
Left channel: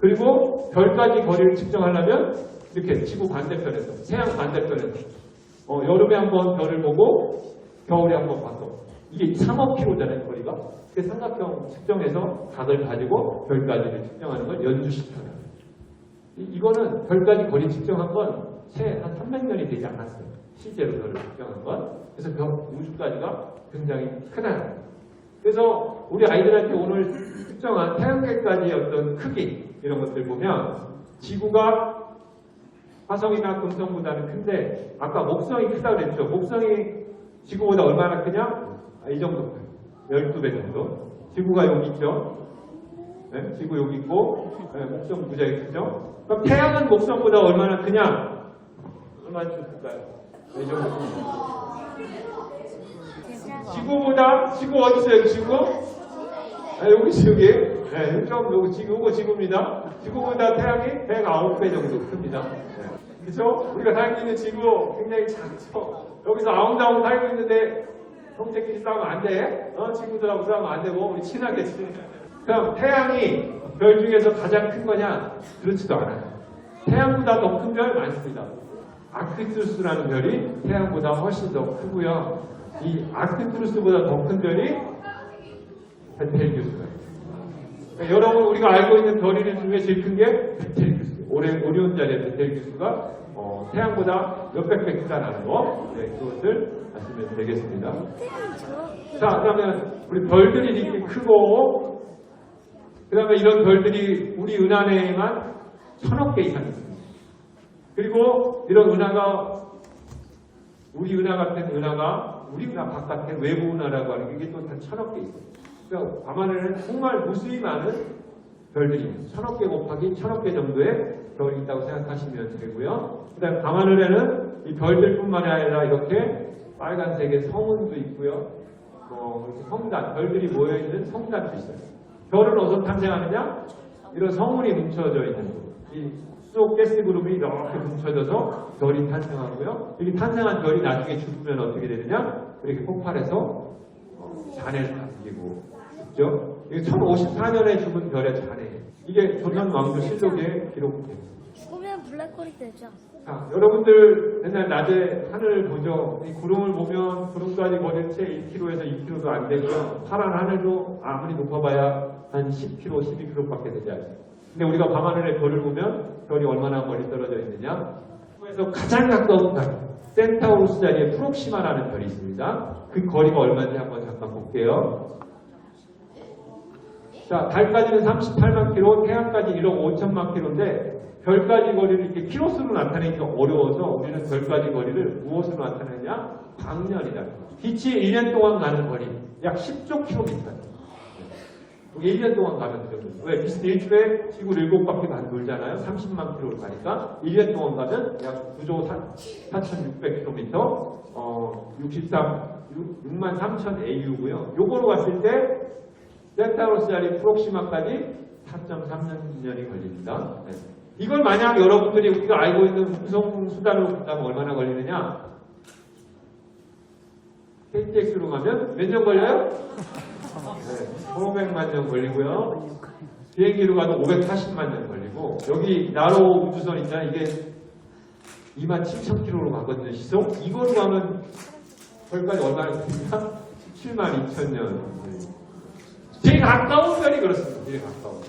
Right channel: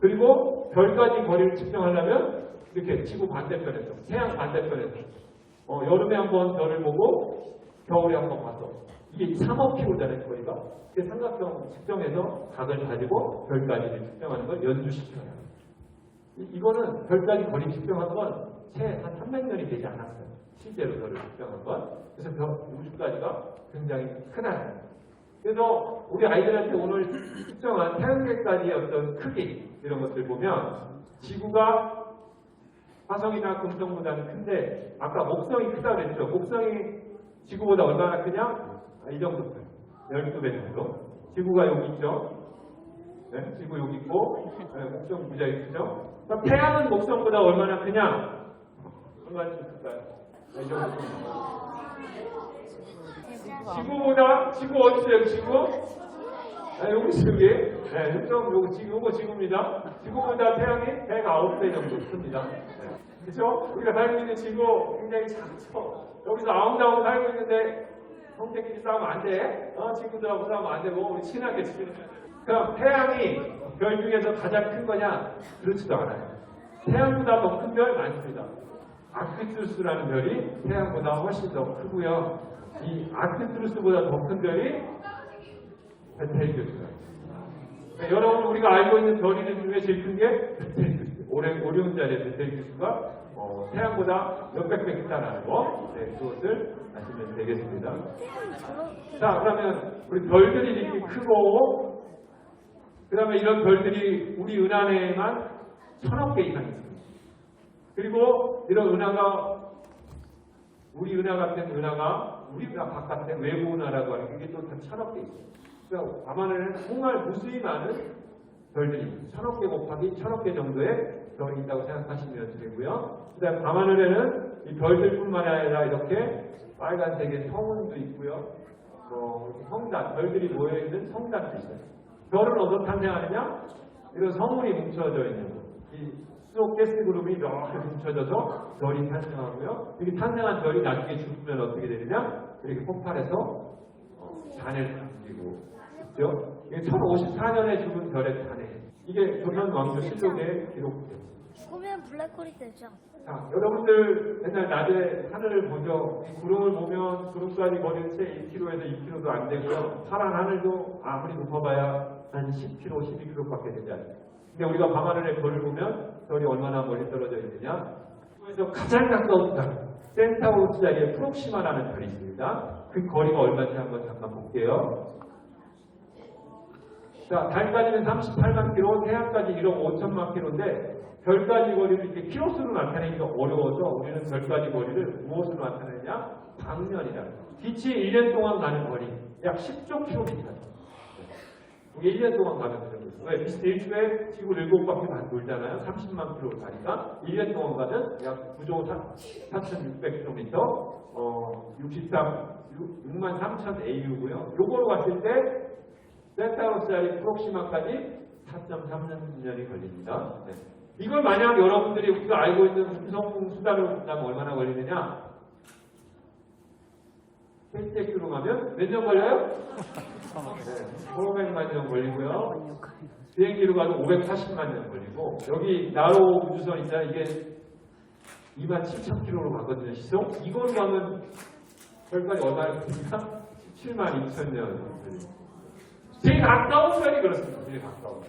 그리고 별까지 거리를 측정하려면 이렇게 지구 반대편에서, 태양 반대편에서 여름에 한번 별을 보고 겨울에 한번 봐서 이게 3억 킬로잖아요, 거리가. 그 삼각형 측정해서 각을 가지고 별까지를 측정하는 걸 연주시켜요. 이거는 별까지 거리 측정한 건 채 한 300년이 되지 않았어요. 실제로 별을 측정한 건. 그래서 우주까지가 굉장히 크다. 그래서 우리 아이들한테 오늘 측정한 태양계까지의 어떤 크기 이런 것들 보면 지구가 화성이나 금성보다는 큰데 아까 목성이 크다고 그랬죠. 목성이 지구보다 얼마나 크냐? 이 정도 커요. 12배 정도. 지구가 여기 있죠. 네? 지구 여기 있고 목성 무지하게 크죠. 그럼 태양은 목성보다 얼마나 크냐? 얼마나 클까요? 이 정도 큽니다. 지구보다, 지구 어디 있어요? 지구? 여기 지구에, 네, 요거 지구입니다. 지구보다 태양이 109배 정도 큽니다. 그렇죠? 우리가 살고 있는 지구 굉장히 작죠. 여기서 아웅다웅 살고 있는데 형제끼리 싸우면 안 돼. 친구들하고 싸우면 안 되고 우리 친하게 지내자. 그럼 태양이 별 중에서 가장 큰 거냐? 그렇지도 않아요. 태양보다 더 큰 별 많습니다. 아크투루스라는 별이 태양보다 훨씬 더 크고요. 이 아크투루스보다 더 큰 별이 베텔기우스예요. 그러니까 여러분 우리가 알고 있는 별 이름 중에 제일 큰 게 베텔기우스. 오리온 자리의 베텔기우스가 태양보다 몇백 배 크다는 거. 네, 그것을 아시면 되겠습니다. 자, 그러면 우리 별들이 이렇게 크고, 그 다음에 이런 별들이 우리 은하내에만 1000억 개 이상 있습니다. 그리고 이런 은하가, 우리 은하 같은 은하가, 우리 은하 바깥에 외부 은하라고 하는 게 또 1000억 개 있어요. 그러니까 밤하늘에는 정말 무수히 많은 별들입니다. 1000억 개 곱하기 1000억 개 정도의 별이 있다고 생각하시면 되고요. 그 다음에 밤하늘에는 이 별들뿐만 아니라 이렇게 빨간색의 성운도 있고요. 성단, 별들이 모여있는 성단도 있어요. 별은 어디서 탄생하느냐? 이런 성운이 뭉쳐져 있는 곳. 이 수소 가스 그룹이 이렇게 뭉쳐져서 별이 탄생하고요. 이게 탄생한 별이 나중에 죽으면 어떻게 되느냐? 이렇게 폭발해서 잔해를 남기고 있죠. 이게 1054년에 죽은 별의 잔해. 이게 조선 왕조 실록에 기록됩니다. 죽으면 블랙홀이 되죠. 자, 여러분들 맨날 낮에 하늘을 보죠. 이 구름을 보면 구름까지 거리는 채 1km에서 2km도 안 되고요. 파란 하늘도 아무리 높아봐야 한 10km, 12km밖에 되지 않아요. 근데 우리가 밤하늘에 별을 보면 별이 얼마나 멀리 떨어져 있느냐? 그래서 가장 가까운 달, 센타우루스 자리에 프록시마라는 별이 있습니다. 그 거리가 얼마인지 한번 잠깐 볼게요. 자, 달까지는 38만 킬로, 태양까지 1억 5천만 킬로인데 별까지 거리를 이렇게 킬로수로 나타내기가 어려워서 우리는 별까지 거리를 무엇으로 나타내냐? 광년이다. 빛이 1년 동안 가는 거리, 약 10조 킬로미터. 1년 동안 가는 그 정도. 왜? 빛은 일주일에 지구 7바퀴만 돌잖아요. 30만 킬로를 가니까 1년 동안 가면 약 9조 4,600킬로미터, 6만 3천 AU고요. 요거로 갔을 때 센타우루스 자리 프록시마까지 4.3년이 걸립니다. 네. 이걸 만약 여러분들이 우리가 알고 있는 운송 수단으로 본다면 얼마나 걸리느냐? KTX로 가면 몇 년 걸려요? 네, 1500만 년 걸리고요. 비행기로 가도 540만 년 걸리고, 여기 나로 우주선 있잖아. 이게 27,000km로 가거든요, 시속. 이걸로 가면 별까지 얼마나 걸립니까? 72,000년. 제일 가까운 별이 그렇습니다. 제일 가까운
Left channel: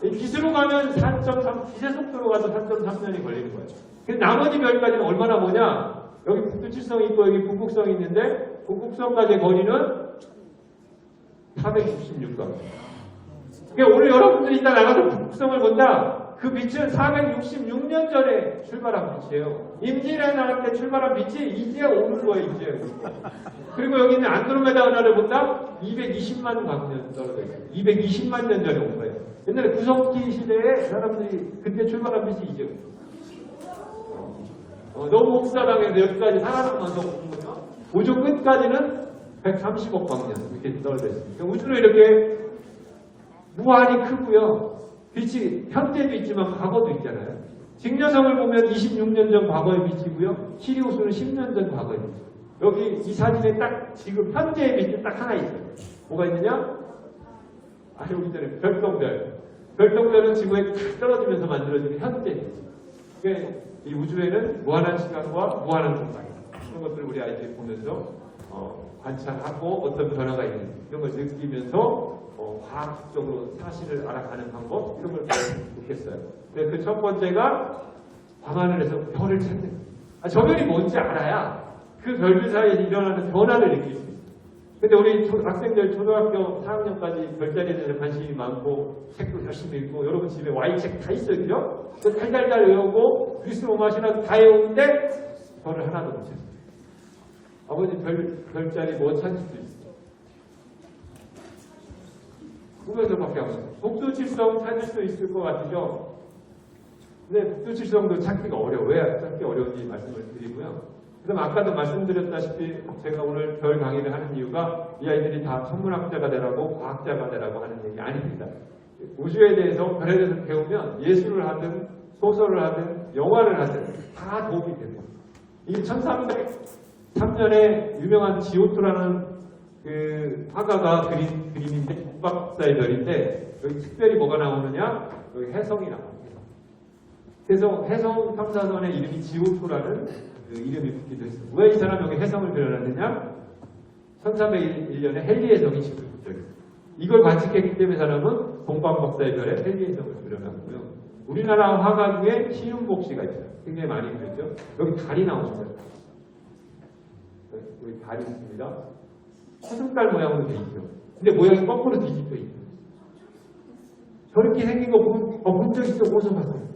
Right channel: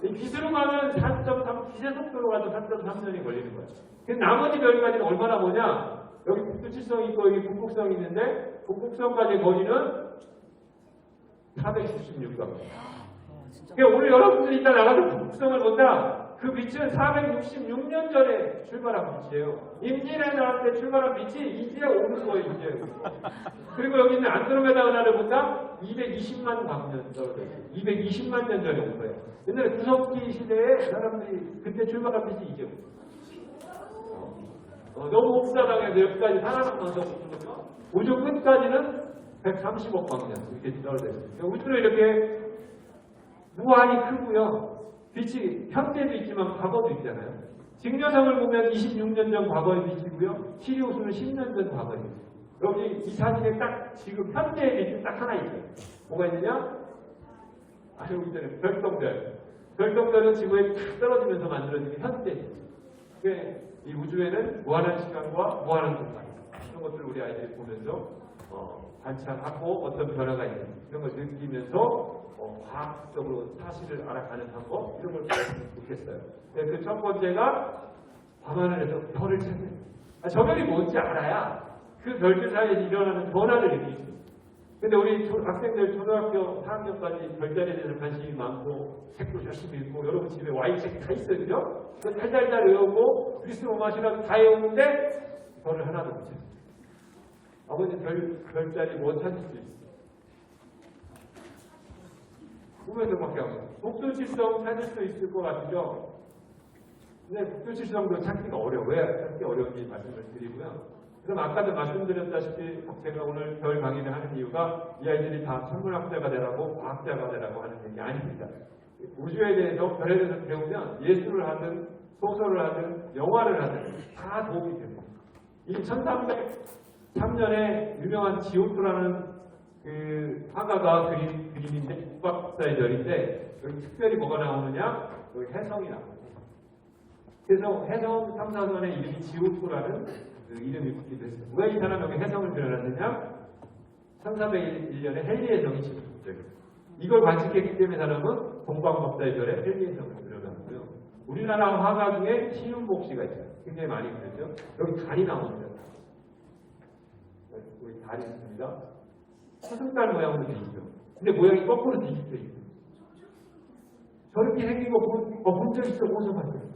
별. 기수로 가면 4.3, 기세 속도로 가서 4.3년이 걸리는 거예요. 근데 나머지 별까지는 얼마나 뭐냐? 여기 북두칠성이 있고 여기 북극성이 있는데 북극성까지의 거리는 466강. 그러니까 오늘 여러분들이 이따 나가서 북극성을 본다. 그 빛은 466년 전에 출발한 빛이에요. 임진왜란에 나갈 때 출발한 빛이 이제 오는 거예요. 이제. 그리고 여기 있는 안드로메다 은하를 본다. 220만 광년 떨어져 있어요. 220만 년 전에 온 거예요. 옛날에 구석기 시대에 사람들이 그때 출발한 빛이 이제 너무 옥사당에서 여기까지 살아남으면서 우주 끝까지는 130억 광년 이렇게 떨어져 있습니다. 우주는 이렇게 무한히 크고요. 빛이 현재도 있지만 과거도 있잖아요. 직녀성을 보면 26년 전 과거의 빛이고요. 시리우스는 10년 전 과거의 빛. 여기 이 사진에 딱 지금 현재의 빛이 딱 하나 있어요. 뭐가 있느냐? 여기 전에 별똥별. 별똥별은 지구에 탁 떨어지면서 만들어지는 현재 빛. 이 우주에는 무한한 시간과 무한한 공간 이런 것들을 우리 아이들이 보면서 관찰하고 어떤 변화가 있는지 이런 걸 느끼면서 과학적으로 사실을 알아가는 방법 이런 걸 배우면 좋겠어요. 그 첫 번째가 밤하늘에서 별을 찾는 저 별이 뭔지 알아야 그 별들 사이에 일어나는 변화를 느낄 수 있어요. 근데 우리 학생들 초등학교 4학년까지 별자리에 대해서 관심이 많고 책도 열심히 읽고 여러분 집에 Y책 다 있어요. 그죠? 달달달 외우고 그리스 로마 신화도 다 외우는데 별을 하나도 못 찾아요. 아버지 별자리 뭐 찾을 수 있어요? 꿈에서밖에 안 보여요. 북두칠성 찾을 수 있을 것 같으죠? 근데 북두칠성도 찾기가 어려워요. 왜 찾기 어려운지 말씀을 드리고요. 그럼 아까도 말씀드렸다시피 제가 오늘 별 강의를 하는 이유가 이 아이들이 다 천문학자가 되라고 과학자가 되라고 하는 얘기 아닙니다. 우주에 대해서 별에 대해서 배우면 예술을 하든 소설을 하든 영화를 하든 다 도움이 됩니다. 이 1303년에 유명한 지오토라는 그 화가가 그린 그림인데 북박사의 별인데 여기 특별히 뭐가 나오느냐? 여기 해성이 나옵니다. 그래서 해성 탐사선의 이름이 지오토라는 그 이름이 붙기도 했어요. 왜 이 사람 여기 해성을 그려놨느냐? 1301년에 헨리의 성이 지금 이걸 관측했기 때문에 사람은 동방박사의 별에 헨리의 성을 그려놨고요. 우리나라 화가 중에 신윤복 씨가 있어요. 굉장히 많이 그렸죠. 여기 달이 나옵니다. 여기 달이 있습니다. 사슴달 모양으로 돼 있죠. 근데 모양이 거꾸로 뒤집혀 있어요. 저렇게 생긴 거 본 적 있어? 어디서 봤어요?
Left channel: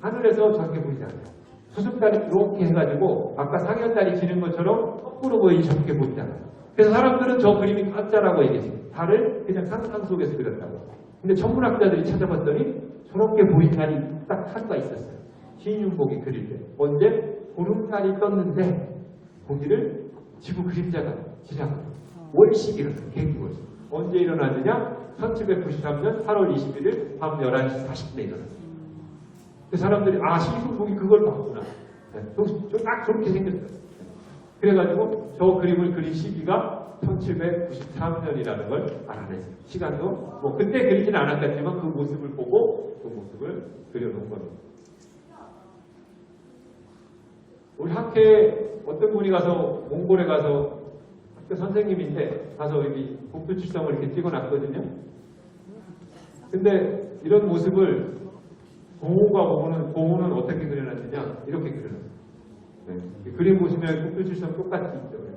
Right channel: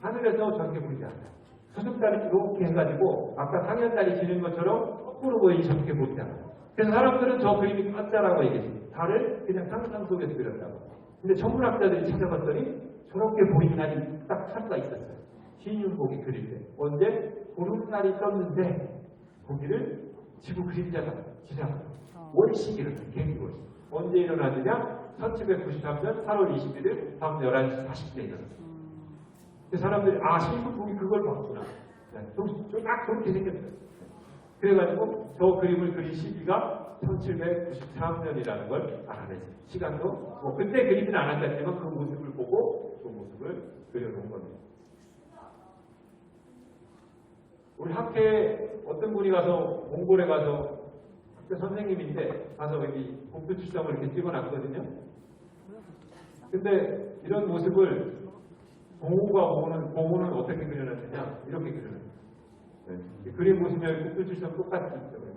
하늘에서 저렇게 보이지 않아요. 수습달이 이렇게 해가지고 아까 상현달이 지는 것처럼 거꾸로 보이지 저렇게 보이지 않아요. 그래서 사람들은 저 그림이 가짜라고 얘기해요. 달을 그냥 상상 속에서 그렸다고. 근데 천문학자들이 찾아봤더니 저렇게 보이는 달이 딱 하루가 있었어요. 신윤복이 그릴 때. 언제? 보름달이 떴는데 거기를 지구 그림자가 지나가요. 월식이 일어나요. 개기월식. 언제 일어나느냐? 1793년 8월 21일 밤 11시 40분에 일어났어요. 그 사람들이 신윤복이 그걸 봤구나. 딱 저렇게 생겼어요. 그래가지고 저 그림을 그린 시기가 1793년이라는 걸 알아냈어요. 시간도 뭐 그때 그리지는 않았겠지만 그 모습을 보고 그 모습을 그려놓은 겁니다. 우리 학회에 어떤 분이 가서 몽골에 가서 학교 선생님인데 가서 여기 북두칠성을 이렇게 찍어놨거든요. 근데 이런 모습을 공호가 공호는 어떻게 그려놨느냐 이렇게 그려놨어요. 네. 그림 보시면 북두칠성 똑같이 있죠. 네.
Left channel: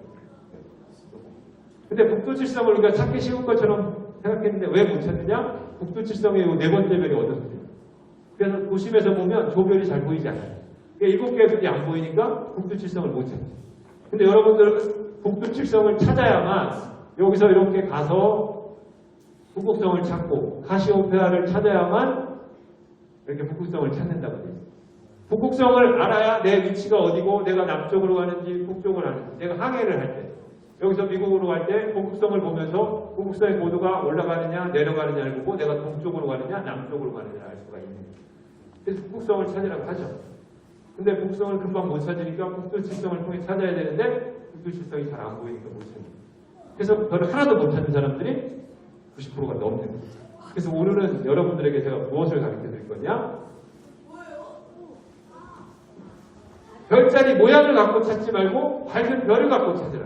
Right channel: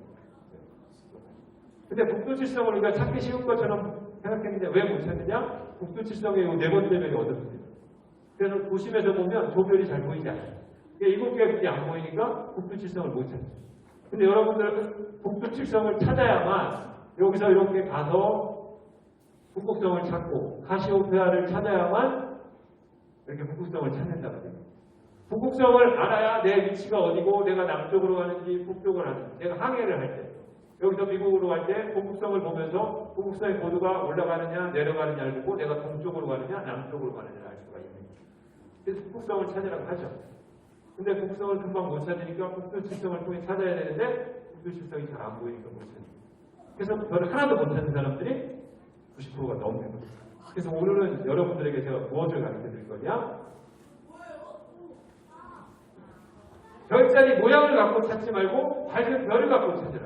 근데 북두칠성을 우리가 찾기 쉬운 것처럼 생각했는데 왜 못 찾느냐? 북두칠성의 네 번째 별이 어졌어요. 그래서 도심에서 보면 조 별이 잘 보이지 않아요. 일곱 개의 별이 안 보이니까 북두칠성을 못 찾죠. 근데 여러분들 북두칠성을 찾아야만 여기서 이렇게 가서 북극성을 찾고 카시오페아를 찾아야만 이렇게 북극성을 찾는다고 해요. 북극성을 알아야 내 위치가 어디고 내가 남쪽으로 가는지 북쪽으로 가는지 내가 항해를 할 때 여기서 미국으로 갈 때 북극성을 보면서 북극성의 고도가 올라가느냐 내려가느냐를 보고 내가 동쪽으로 가느냐 남쪽으로 가느냐를 알 수가 있는 거예요. 그래서 북극성을 찾으라고 하죠. 근데 북극성을 금방 못 찾으니까 북두칠성을 통해 찾아야 되는데 북두칠성이 잘 안 보이니까 못 찾는 거예요. 그래서 별을 하나도 못 찾는 사람들이 90%가 넘는 거예요. 그래서 오늘은 여러분들에게 제가 무엇을 가르쳐 드릴 거냐? 별자리 모양을 갖고 찾지 말고 밝은 별을 갖고 찾으라.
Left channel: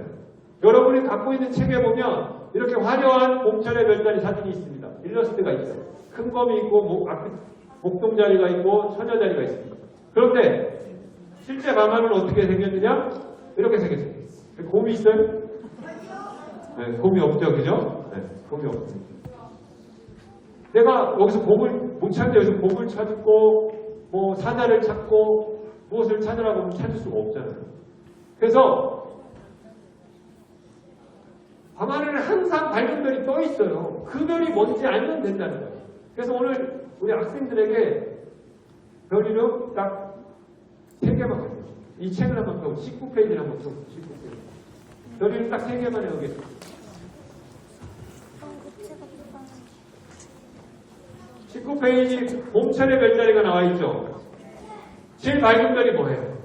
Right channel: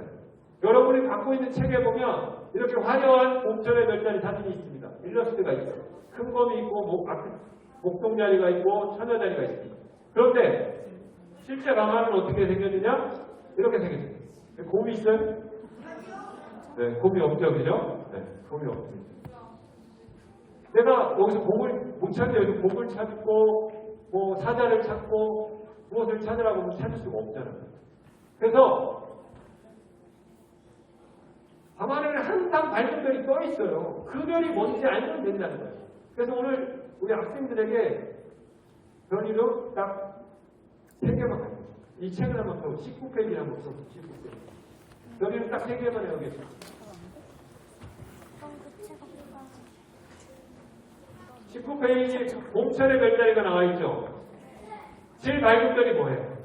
여러분이 갖고 있는 책에 보면 이렇게 화려한 봄철의 별자리 사진이 있습니다. 일러스트가 있어요. 큰 검이 있고 목동자리가 있고 처녀자리가 있습니다. 그런데 실제 강화는 어떻게 생겼느냐? 이렇게 생겼어요. 곰이 있어요? 네, 곰이 없죠, 그죠? 네, 곰이 없죠. 내가 여기서 곰을 못 찾는데 여기서 곰을 찾고 뭐 사자를 찾고 무엇을 찾으라고 하면 찾을 수가 없잖아요. 그래서 밤하늘에 항상 밝은 별이 떠 있어요. 그 별이 뭔지 알면 된다는 거예요. 그래서 오늘 우리 학생들에게 별 이름 딱 3개만 가르쳐요. 이 책을 한번 펴고 19페이지를 한번 펴고 19페이지. 별 이름 딱 3개만 해오겠습니다. 그 책 없다. 19페이지 봄철의 별자리가 나와 있죠. 제일 밝은 별이 뭐예요?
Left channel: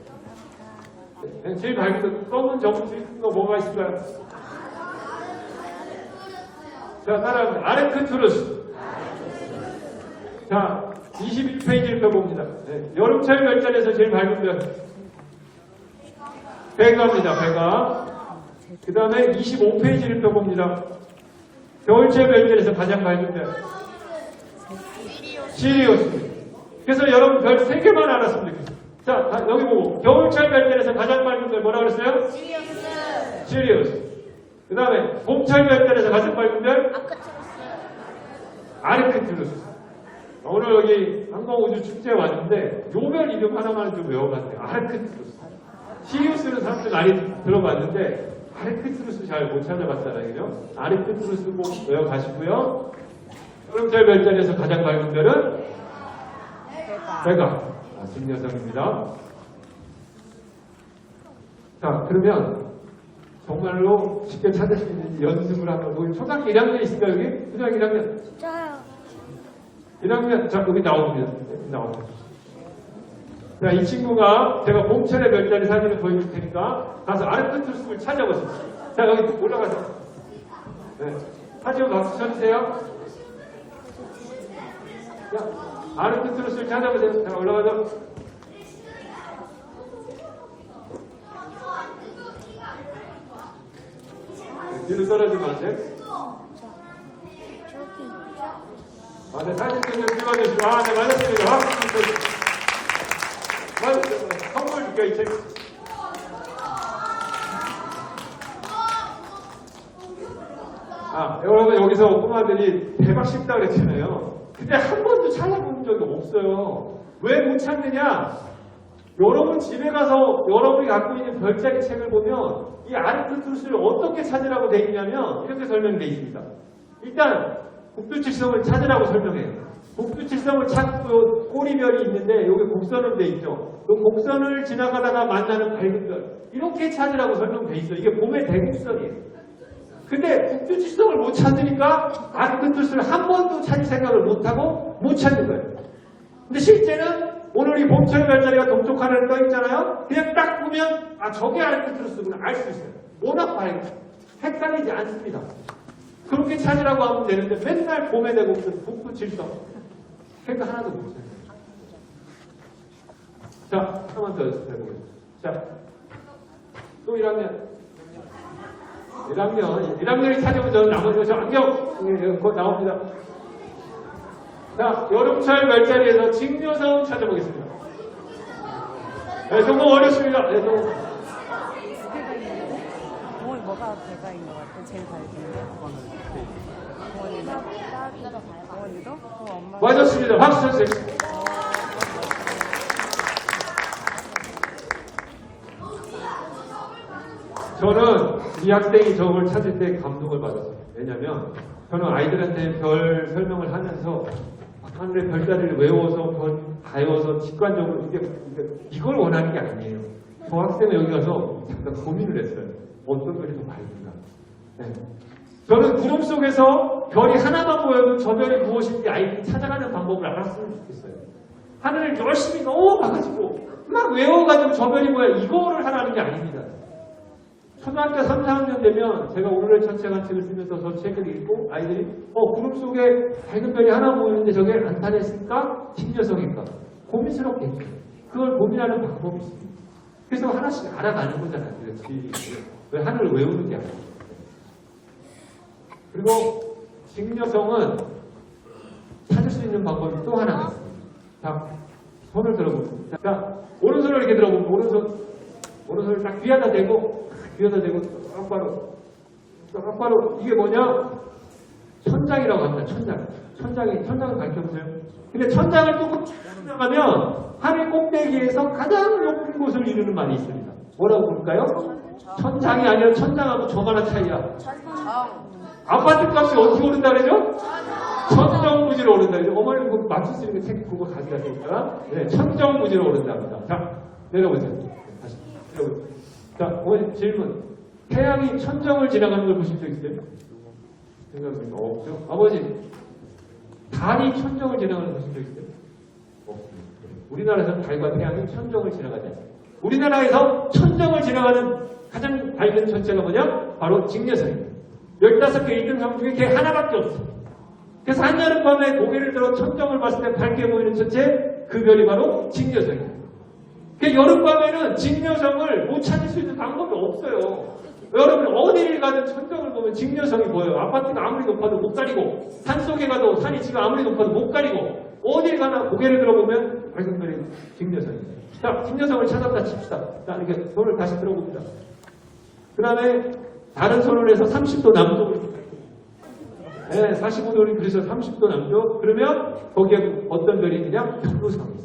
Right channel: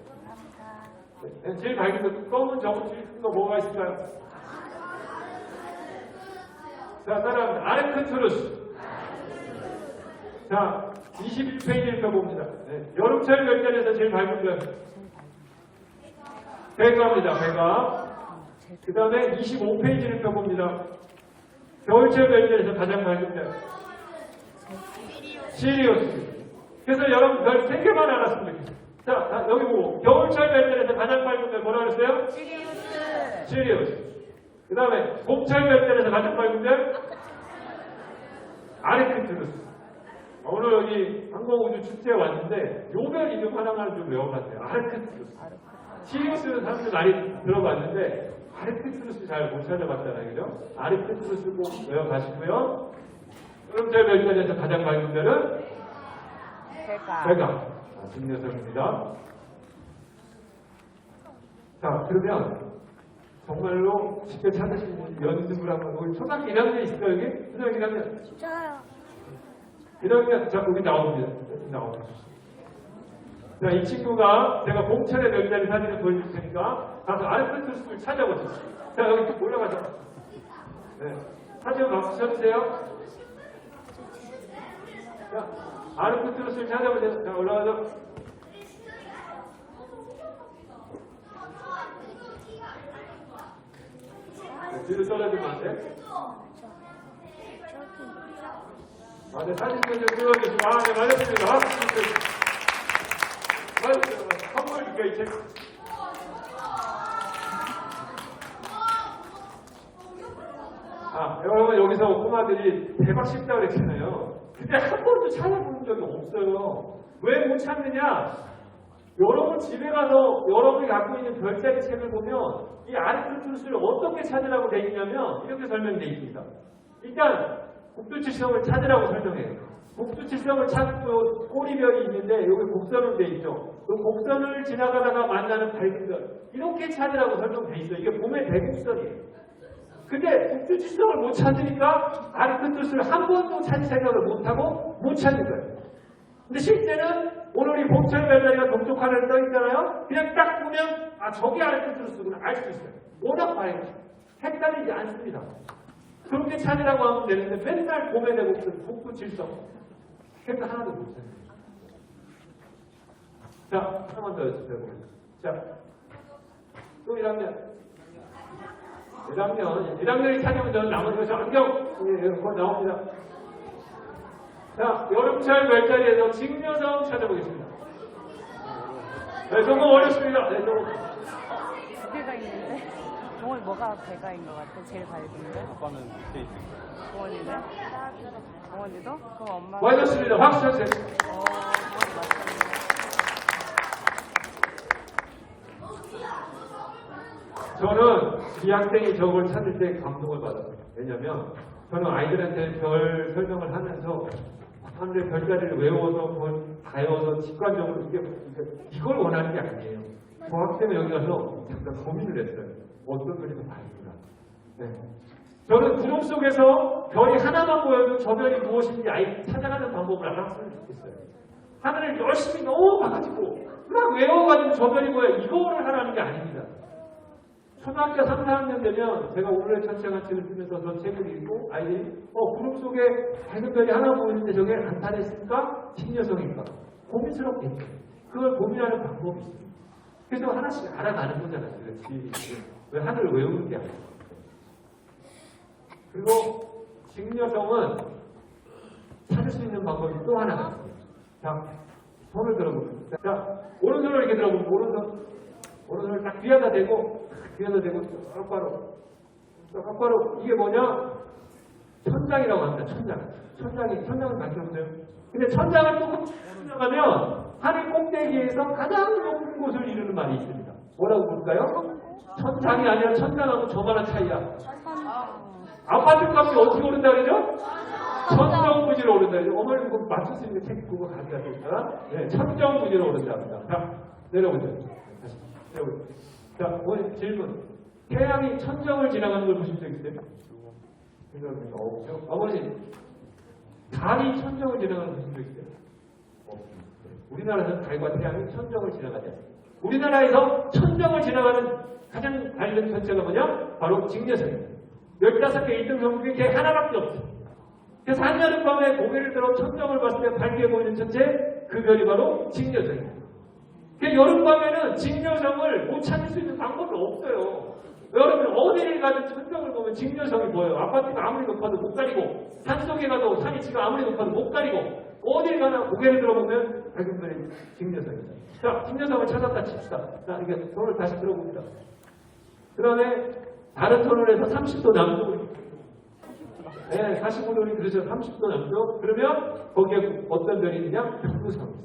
네, 제일 밝은 별, 검은 점을 찍은 거 뭐가 있을까요? 자, 따라합니다. 아르크투루스. 자, 21페이지를 펴봅니다. 네, 여름철 별자리에서 제일 밝은 별. 베가입니다. 베가. 그 다음에 25페이지를 펴봅니다. 겨울철 별자리에서 가장 밝은 별. 시리우스. 그래서 여러분 별 3개만 알았으면 좋겠어요. 자, 여기 보고 겨울철 별자리에서 가장 밝은 별 뭐라고 그랬어요? 시리우스. 그 다음에 봄철 별자리에서 가장 밝은 별? 아르크투루스. 오늘 여기 항공우주축제에 왔는데 요 별 이름 하나만 좀 외워봤어요. 아르크투루스. 시리우스는 사람들 많이 들어봤는데 아르크투루스 잘 못 찾아봤잖아요. 그죠? 아르크투루스 꼭 외워가시고요. 여름철 별자리에서 가장 밝은 별은? 베가. 진녀석입니다. 자, 그러면 정말로 쉽게 찾을 수 있는 연습을 한번. 우리 초등학교 1학년 있을까요, 여기? 초등학교 1학년? 진짜요. 1학년, 자, 여기 나옵니다. 나옵니다. 자, 이 친구가 제가 봄철의 별자리 사진을 보여줄 테니까 가서 아르크투루스를 찾아보세요. 자, 여기 올라가서. 네. 사진 박수 쳐주세요. 자, 아르크투루스를 찾아보세요. 자, 올라가서. 뒤로 떨어지면 안 돼? 저기 있죠? 아, 네, 사진 좀 찍어주시고. 아, 네, 맞았습니다. 맞았어요. 선물 줄게요, 이 책. 아, 여러분, 여기서 꼬마들이 대박 쉽다 그랬잖아요. 근데 한 번도 찾아본 적이 없어요. 왜 못 찾느냐? 여러분 집에 가서 여러분이 갖고 있는 별자리 책을 보면 이 아르크투루스를 어떻게 찾으라고 되어 있냐면 이렇게 설명되어 있습니다. 일단 국두칠성을 찾으라고 설명해요. 국두칠성을 찾고 꼬리별이 있는데 여기 곡선으로 되어 있죠. 그 곡선을 지나가다가 만나는 밝은 별 이렇게 찾으라고 설명되어 있어요. 이게 봄의 대곡선이에요. 근데 국두칠성을 못 찾으니까 아르크투루스를 한 번도 찾을 생각을 못하고 못 찾는 거예요. 근데 실제는 오늘 이 봄철 별자리가 동쪽 하늘에 떠 있잖아요. 그냥 딱 보면 아 저게 아르크투루스구나 알 수 있어요. 워낙 밝고 헷갈리지 않습니다. 그렇게 찾으라고 하면 되는데 맨날 봄에 대곡선 북두칠성 그러니까 하나도 못 찾아요. 자, 하나만 더 해보겠습니다. 자, 또 1학년이 찾으면 저는 남은 것이 안경 곧 나옵니다. 자, 여름철 별자리에서 직녀성 찾아보겠습니다. 네, 조금 어렵습니다. 네, 조금. 동원이 뭐가 배가인 것 같아? 제일 밝은 게? 동원이는? 동원이도? 그럼 엄마. 맞았습니다. 박수 쳐주세요. 저는 이 학생이 저걸 찾을 때 감동을 받았어요. 왜냐면 저는 아이들한테 별 설명을 하면서 하늘의 별자리를 외워서 가여서 직관적으로 이걸 원하는 게 아니에요. 저 학생은 여기 가서 잠깐 고민을 했어요. 어떤 별이 더 밝은가. 네. 저는 구름 속에서 별이 하나만 보여도 저 별이 무엇인지 아이들이 찾아가는 방법을 알았으면 좋겠어요. 하늘을 열심히 너무 봐가지고 막 외워가지고 저 별이 뭐야 이거를 하라는 게 아닙니다. 초등학교 3, 4학년 되면 제가 오늘의 천체관 책을 쓰면서 저 책을 읽고 아이들이 구름 속에 밝은 별이 하나 보이는데 저게 안타냈을까? 신녀석일까? 고민스럽게 그걸 고민하는 방법이 있습니다. 그래서 하나씩 알아가는 거잖아요. 왜 하늘을 외우는 게 아니에요. 그리고 직녀성은 찾을 수 있는 방법이 또 하나가 있습니다. 자, 손을 들어보겠습니다. 자, 오른손을 이렇게 들어보면 오른손을 딱 귀에다 대고 똑바로 이게 뭐냐? 천장이라고 합니다. 천장을 밝혀보세요. 근데 천장을 조금 나가면 하늘 꼭대기에서 가장 높은 곳을 이루는 말이 있습니다. 뭐라고 볼까요? 천장이 아니라 천장하고 저만한 차이야. 아파트 값이 어떻게 오른다 그러죠? 천정부지로 오른다. 어머니 그거 맞출 수 있는 책 그거 가져다 드릴까요? 네, 천정부지로 오른답니다. 자, 내려보세요. 다시 내려보세요. 자, 어머니 질문. 태양이 천정을 지나가는 걸 보신 적 있어요? 생각해보니까 없죠? 아버지, 달이 천정을 지나가는 걸 보신 적 있어요? 없습니다. 우리나라에서는 달과 태양이 천정을 지나가지 않습니다. 우리나라에서 천정을 지나가는 가장 밝은 천체가 뭐냐? 바로 직녀성입니다. 15개 1등 성 중에 걔 하나밖에 없어요. 그래서 한여름밤에 고개를 들어 천정을 봤을 때 밝게 보이는 천체, 그 별이 바로 직녀성입니다. 그 여름밤에는 직녀성을 못 찾을 수 있는 방법이 없어요. 여러분 어디를 가든 천정을 보면 직녀성이 보여요. 아파트가 아무리 높아도 못 가리고, 산속에 가도 산이 지가 아무리 높아도 못 가리고, 어딜 가나 고개를 들어보면 밝은 별이 직녀성입니다. 자, 직녀성을 찾았다 칩시다. 자, 이렇게 손을 다시 들어봅니다. 그 다음에 다른 손을 해서 30도 남쪽으로, 네, 45도를 그래서 30도 남쪽. 그러면 거기에 어떤 별이 있냐? 견우성이 있어요.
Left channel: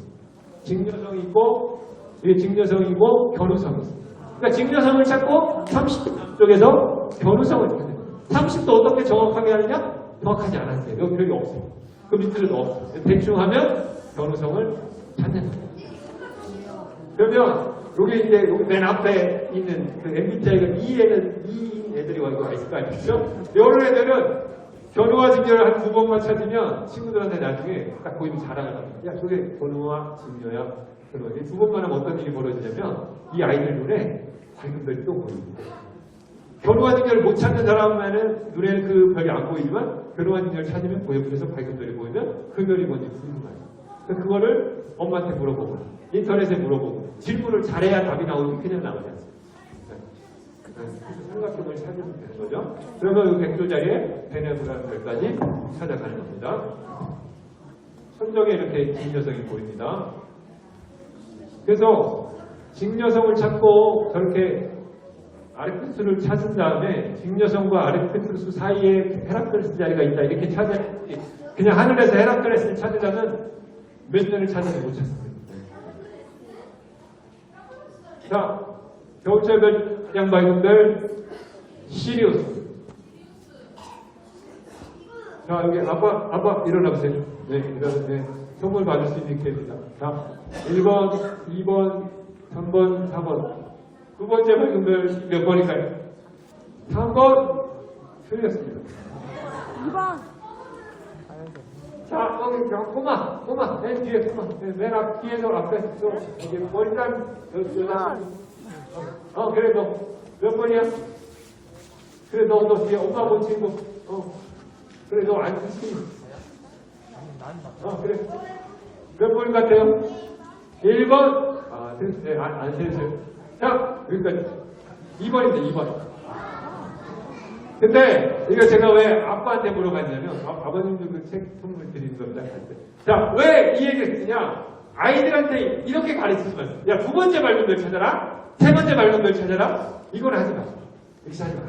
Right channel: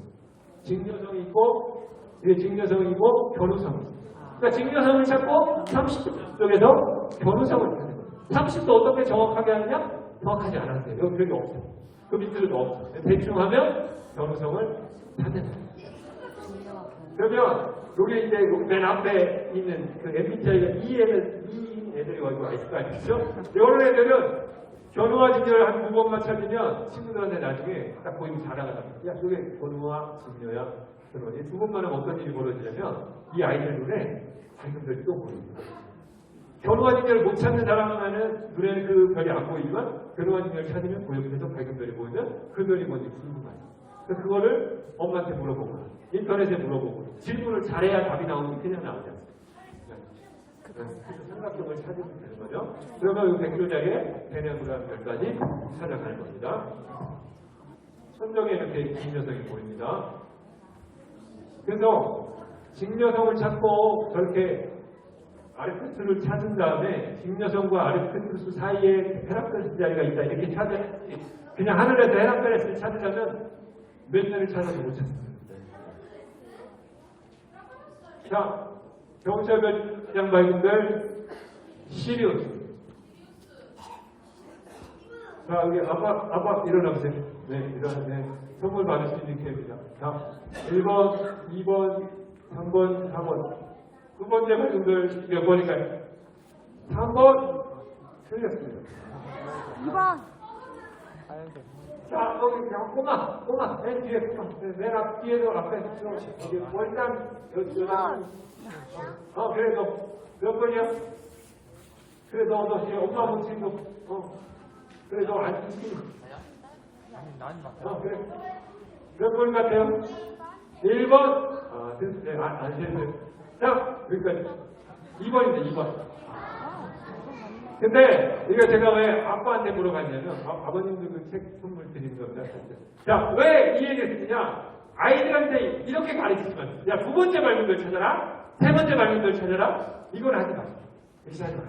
직녀성이 있고, 이게 직녀성이고 견우성이 있어요. 그러니까 직녀성을 찾고 30도 남쪽에서 견우성을 찾게 됩니다. 30도 어떻게 정확하게 하느냐? 정확하지 않았어요. 여기 별이 없어요. 그 밑에는 없어요. 대충 하면 견우성을 찾는 거예요. 그러면 여기 이제 여기 맨 앞에 있는 그 MBTI가 E인 애들이 와 있을 거 아니겠죠? 이런 애들은 견우와 직녀를 한 9번만 찾으면 친구들한테 나중에 딱 보이면 자랑을 합니다. 야, 저게 견우와 직녀야. 그러면 2번만 하면 어떤 일이 벌어지냐면 이 아이들 눈에 밝은 별이 또 보입니다. 견우와 직녀를 못 찾는 사람은 눈에는 그 별이 안 보이지만 견우와 직녀를 찾으면 그 옆에서 밝은 별이 보이면 그 별이 뭔지 궁금해요. 그거를 엄마한테 물어보고 인터넷에 물어보고 질문을 잘해야 답이 나오지 그냥 나오지 않습니다. 그래서 삼각형을 찾으면 되는 거죠. 그러면 이 백조 자리에 베네브라는 별까지 찾아가는 겁니다. 천정에 이렇게 직녀성이 보입니다. 그래서 직녀성을 찾고 저렇게 아르크투스를 찾은 다음에 직녀성과 아르크투스 사이에 헤라클레스 자리가 있다 이렇게 찾아 그냥 하늘에서 헤라클레스를 찾으려면 몇 년을 찾아도 못 찾습니다. 자, 겨울철 별 가장 밝은 별 시리우스. 자, 여기 아빠 일어나 보세요. 네, 일어나. 선물 받을 수 있는 기회입니다. 자, 1번, 2번, 3번, 4번. 두 번째 밝은 별 몇 번일까요? 3번 틀렸습니다. 2번. 자, 여기 꼬마, 맨 뒤에 꼬마, 맨 앞 뒤에서 앞에 여기 머리랑 여기 그래 너 몇 번이야? 그래 너 뒤에 엄마 못 친구, 그래 너 안 치지? 그래 몇 번 같아요? 1번. 네, 안 됐어요. 자, 여기까지 2번입니다. 2번. 근데 이거 제가 왜 아빠한테 물어봤냐면 아버님도 그 책 선물 드리는 겁니다. 자, 왜 이 얘기를 했느냐? 아이들한테 이렇게 가르치면 야, 두 번째 밝은 별 찾아라, 세 번째 밝은 별 찾아라. 이건 하지 마. 이렇게 하지 마.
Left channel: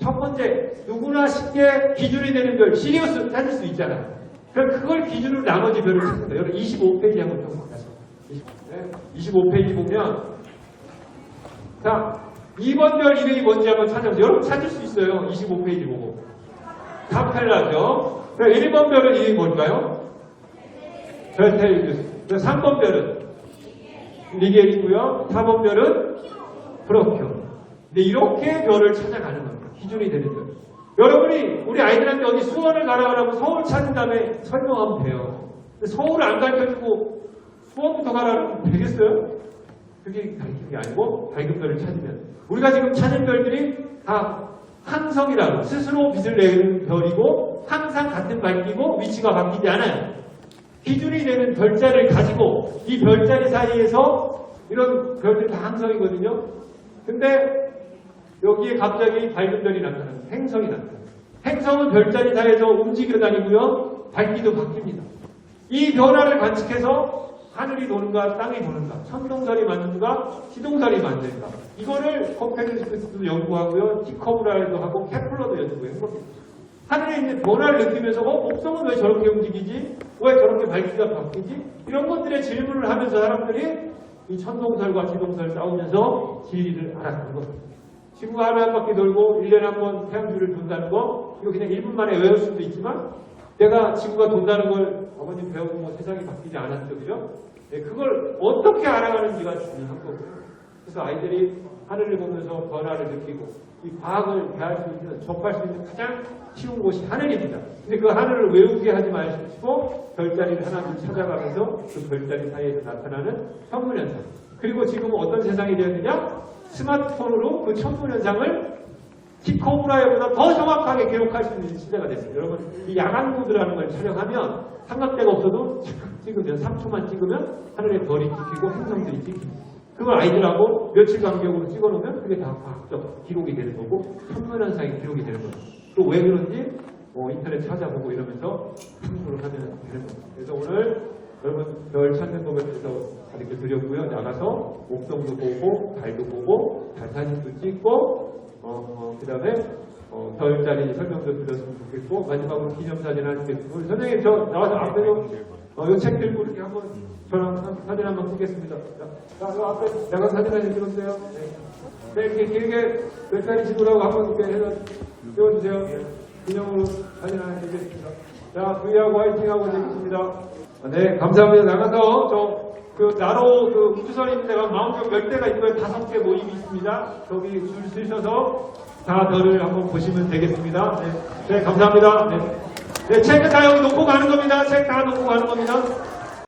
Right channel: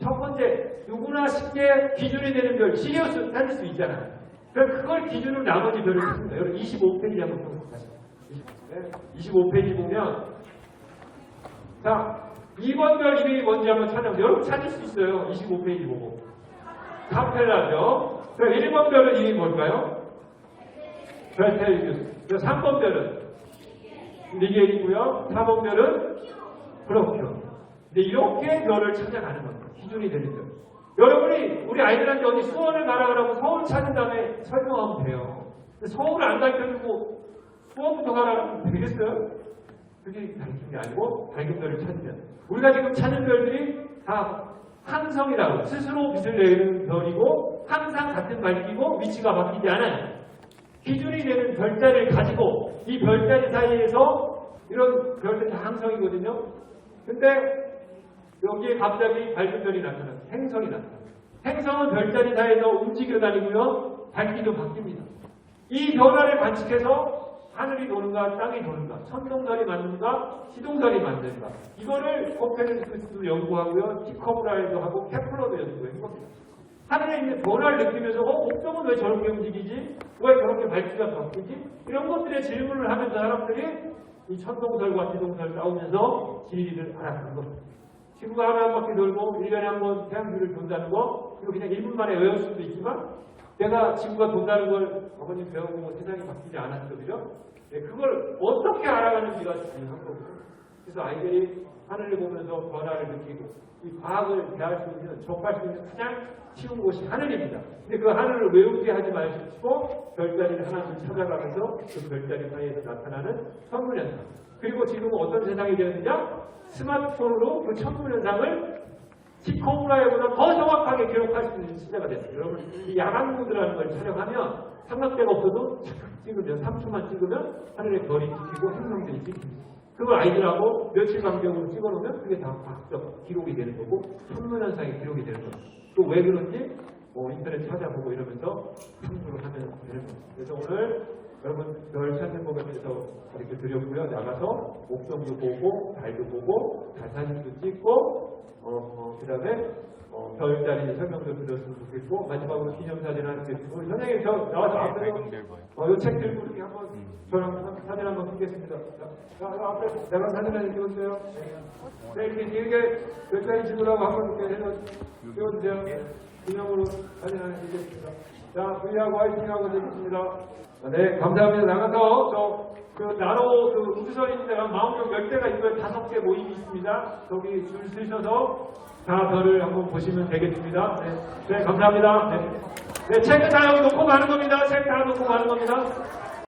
첫 번째 누구나 쉽게 기준이 되는 별 시리우스 찾을 수 있잖아요. 그럼 그걸 기준으로 나머지 별을 찾는다. 여러분 25페이지 한번 펴보세요. 25페이지 보면 자, 2번 별 이름이 뭔지 한번 찾아보세요. 여러분 찾을 수 있어요. 25페이지 보고. 카펠라죠. 그럼 1번 별은 이름이 뭘까요? 벨테이우스. 3번 별은 리게이고요. 4번 별은 프로큐. 근데 이렇게 별을 찾아가는 겁니다. 기준이 되는 별. 여러분이 우리 아이들한테 어디 수원을 가라 그러면 서울 찾은 다음에 설명하면 돼요. 근데 서울을 안 가르쳐주고 수원부터 가라 그러면 되겠어요? 그게 가르치는 게 아니고 밝은 별을 찾으면 우리가 지금 찾은 별들이 다 항성이라고 스스로 빛을 내는 별이고 항상 같은 밝기고 위치가 바뀌지 않아요. 기준이 되는 별자리를 가지고 이 별자리 사이에서 이런 별들 다 항성이거든요. 근데 여기에 갑자기 밝은 별이 나타나요. 행성이 나타나요. 행성은 별자리 사이에서 움직여 다니고요. 밝기도 바뀝니다. 이 변화를 관측해서 하늘이 도는가 땅이 도는가, 천동설이 맞는가 시동설이 맞는가, 이거를 코페르니쿠스도 연구하고요. 티커브라이도 하고 케플러도 연구한 겁니다. 하늘에 있는 변화를 느끼면서 목성은 왜 저렇게 움직이지? 왜 저렇게 밝기가 바뀌지? 이런 것들에 질문을 하면서 사람들이 이 천동설과 시동설 싸우면서 진리를 알아가는 겁니다. 지구가 하루 한 바퀴 돌고 1년에 한 번 태양주를 돈다는 거, 이거 그냥 1분 만에 외울 수도 있지만 내가 지구가 돈다는 걸 어머님 배우고 뭐 세상이 바뀌지 않았죠, 그죠? 네, 그걸 어떻게 알아가는지가 중요한 거고요. 그래서 아이들이 하늘을 보면서 변화를 느끼고 이 과학을 대할 수 있는, 접할 수 있는 가장 쉬운 곳이 하늘입니다. 근데 그 하늘을 외우게 하지 마시고 별자리를 하나둘 찾아가면서 그 별자리 사이에서 나타나는 천문현상. 그리고 지금은 어떤 세상이 되었느냐? 스마트폰으로 그 천문현상을 티코브라이보다 더 정확하게 기록할 수 있는 시대가 됐어요. 여러분, 이 야간 모드라는 걸 촬영하면 삼각대가 없어도 찍으면 3초만 찍으면 하늘에 별이 찍히고 행성들이 찍힙니다. 그걸 아이들하고 며칠 간격으로 찍어놓으면 그게 다 과학적 기록이 되는 거고 천문현상이 기록이 되는 거죠. 또 왜 그런지 인터넷 찾아보고 이러면서 참고를 하면 되는 겁니다. 그래서 오늘 여러분 별 찾는 법에 대해서 가르쳐 드렸고요. 나가서 목성도 보고 달도 보고 달 사진도 찍고 그 다음에 별자리 설명도 드렸으면 좋겠고 마지막으로 기념사진 하나 찍겠습니다. 우리 선생님 저 나와서 앞에서 이 책 들고 이렇게 한번 저랑 사진 한번 찍겠습니다. 자, 이 앞에 내가 사진 하나 찍었어요. 네, 이렇게 길게 별자리 찍으라고 한번 이렇게 해서 찍어주세요. 기념으로 사진 하나 찍겠습니다. 자, V하고 화이팅하고 되겠습니다. 네, 감사합니다. 나가서 그 나로 그 우주선 있는 데가 마운트 몇 대가 있고요. 5개 모임이 있습니다. 거기 줄 서셔서 다들을 한번 보시면 되겠습니다. 네, 감사합니다. 네, 책은 다 여기 놓고 가는 겁니다. 책 다 놓고 가는 겁니다.